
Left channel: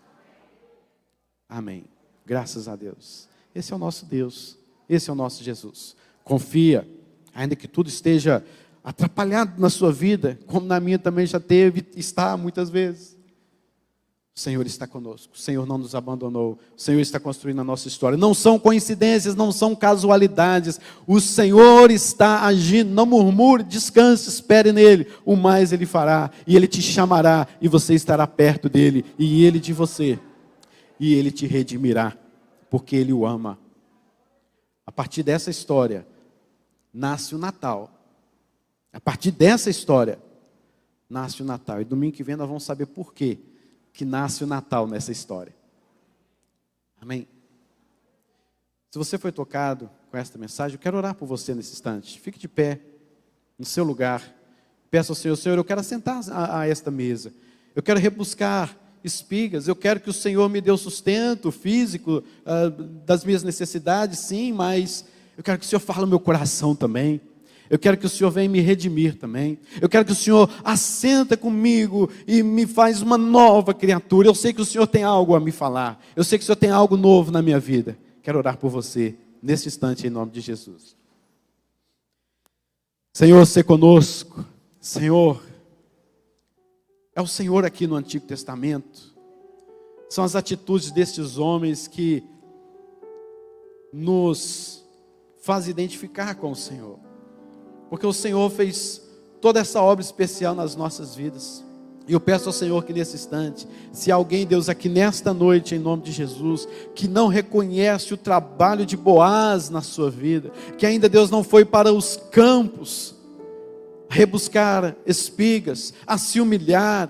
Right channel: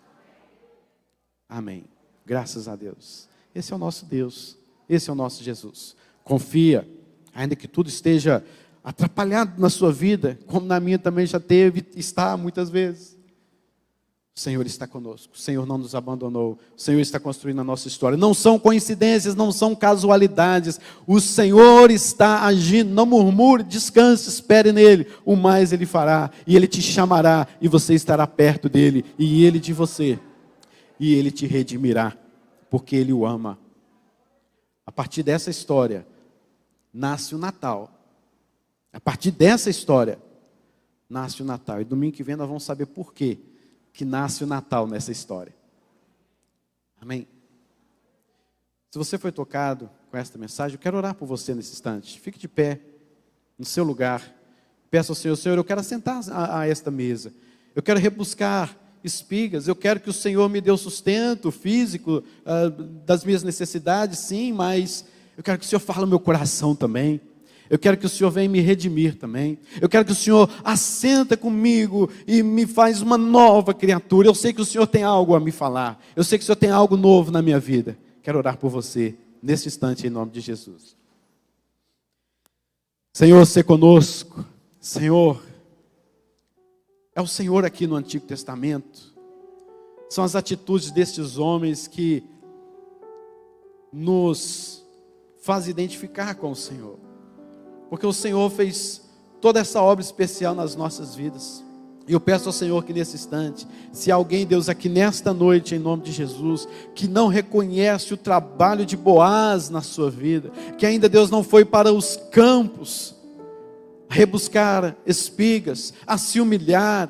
Amém. Graças a Deus. Esse é o nosso Deus. Esse é o nosso Jesus. Confia, ainda que tudo esteja atrapalhado na sua vida, como na minha também já teve, está muitas vezes. O Senhor está conosco. O Senhor não nos abandonou. O Senhor está construindo a nossa história. Não são coincidências, não são casualidades. O Senhor está agindo. Não murmure, descanse, espere nele. O mais Ele fará. E Ele te chamará. E você estará perto dele. E Ele de você. E Ele te redimirá. Porque Ele o ama. A partir dessa história, nasce o Natal. A partir dessa história, nasce o Natal. E domingo que vem nós vamos saber por quê que nasce o Natal nessa história. Amém? Se você foi tocado com esta mensagem, eu quero orar por você nesse instante. Fique de pé no seu lugar. Peça ao Senhor: Senhor, eu quero assentar a esta mesa. Eu quero rebuscar espigas. Eu quero que o Senhor me dê o sustento físico das minhas necessidades, sim, mas eu quero que o Senhor fale no meu coração também. Eu quero que o Senhor venha me redimir também. Eu quero que o Senhor assenta comigo e me faz uma nova criatura. Eu sei que o Senhor tem algo a me falar. Eu sei que o Senhor tem algo novo na minha vida. Quero orar por você nesse instante em nome de Jesus. Senhor, se conosco. Senhor, é o Senhor aqui no Antigo Testamento. São as atitudes destes homens que nos fazem identificar com o Senhor. Porque o Senhor fez toda essa obra especial nas nossas vidas. E eu peço ao Senhor que nesse instante, se alguém, Deus, aqui nesta noite, em nome de Jesus, que não reconhece o trabalho de Boaz na sua vida, que ainda, Deus, não foi para os campos rebuscar espigas, a se humilhar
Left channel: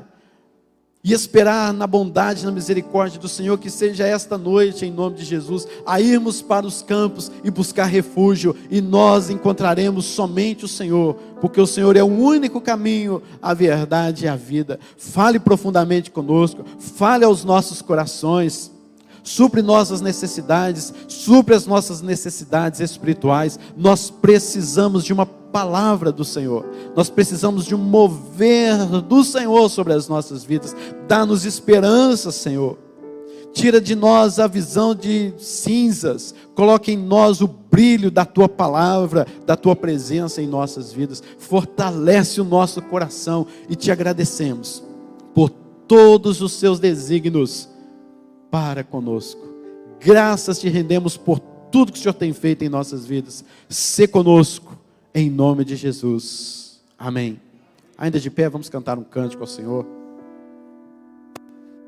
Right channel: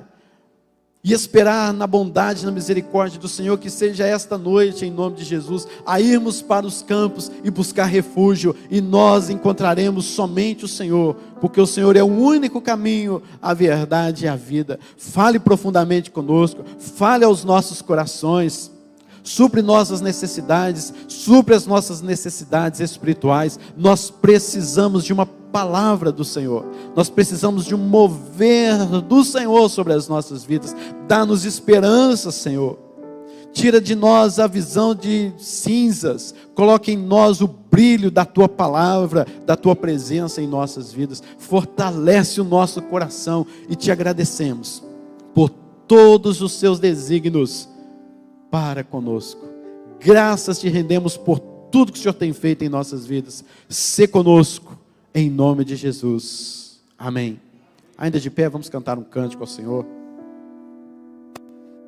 e esperar na bondade e na misericórdia do Senhor, que seja esta noite, em nome de Jesus, a irmos para os campos e buscar refúgio, e nós encontraremos somente o Senhor, porque o Senhor é o único caminho, a verdade e a vida. Fale profundamente conosco, fale aos nossos corações, supre nossas necessidades, supre as nossas necessidades espirituais. Nós precisamos de uma palavra do Senhor, nós precisamos de um mover do Senhor sobre as nossas vidas. Dá-nos esperança, Senhor. Tira de nós a visão de cinzas, coloque em nós o brilho da tua palavra, da tua presença em nossas vidas. Fortalece o nosso coração e te agradecemos por todos os seus desígnios para conosco. Graças te rendemos por tudo que o Senhor tem feito em nossas vidas. Sê conosco, em nome de Jesus. Amém. Ainda de pé, vamos cantar um cântico ao Senhor.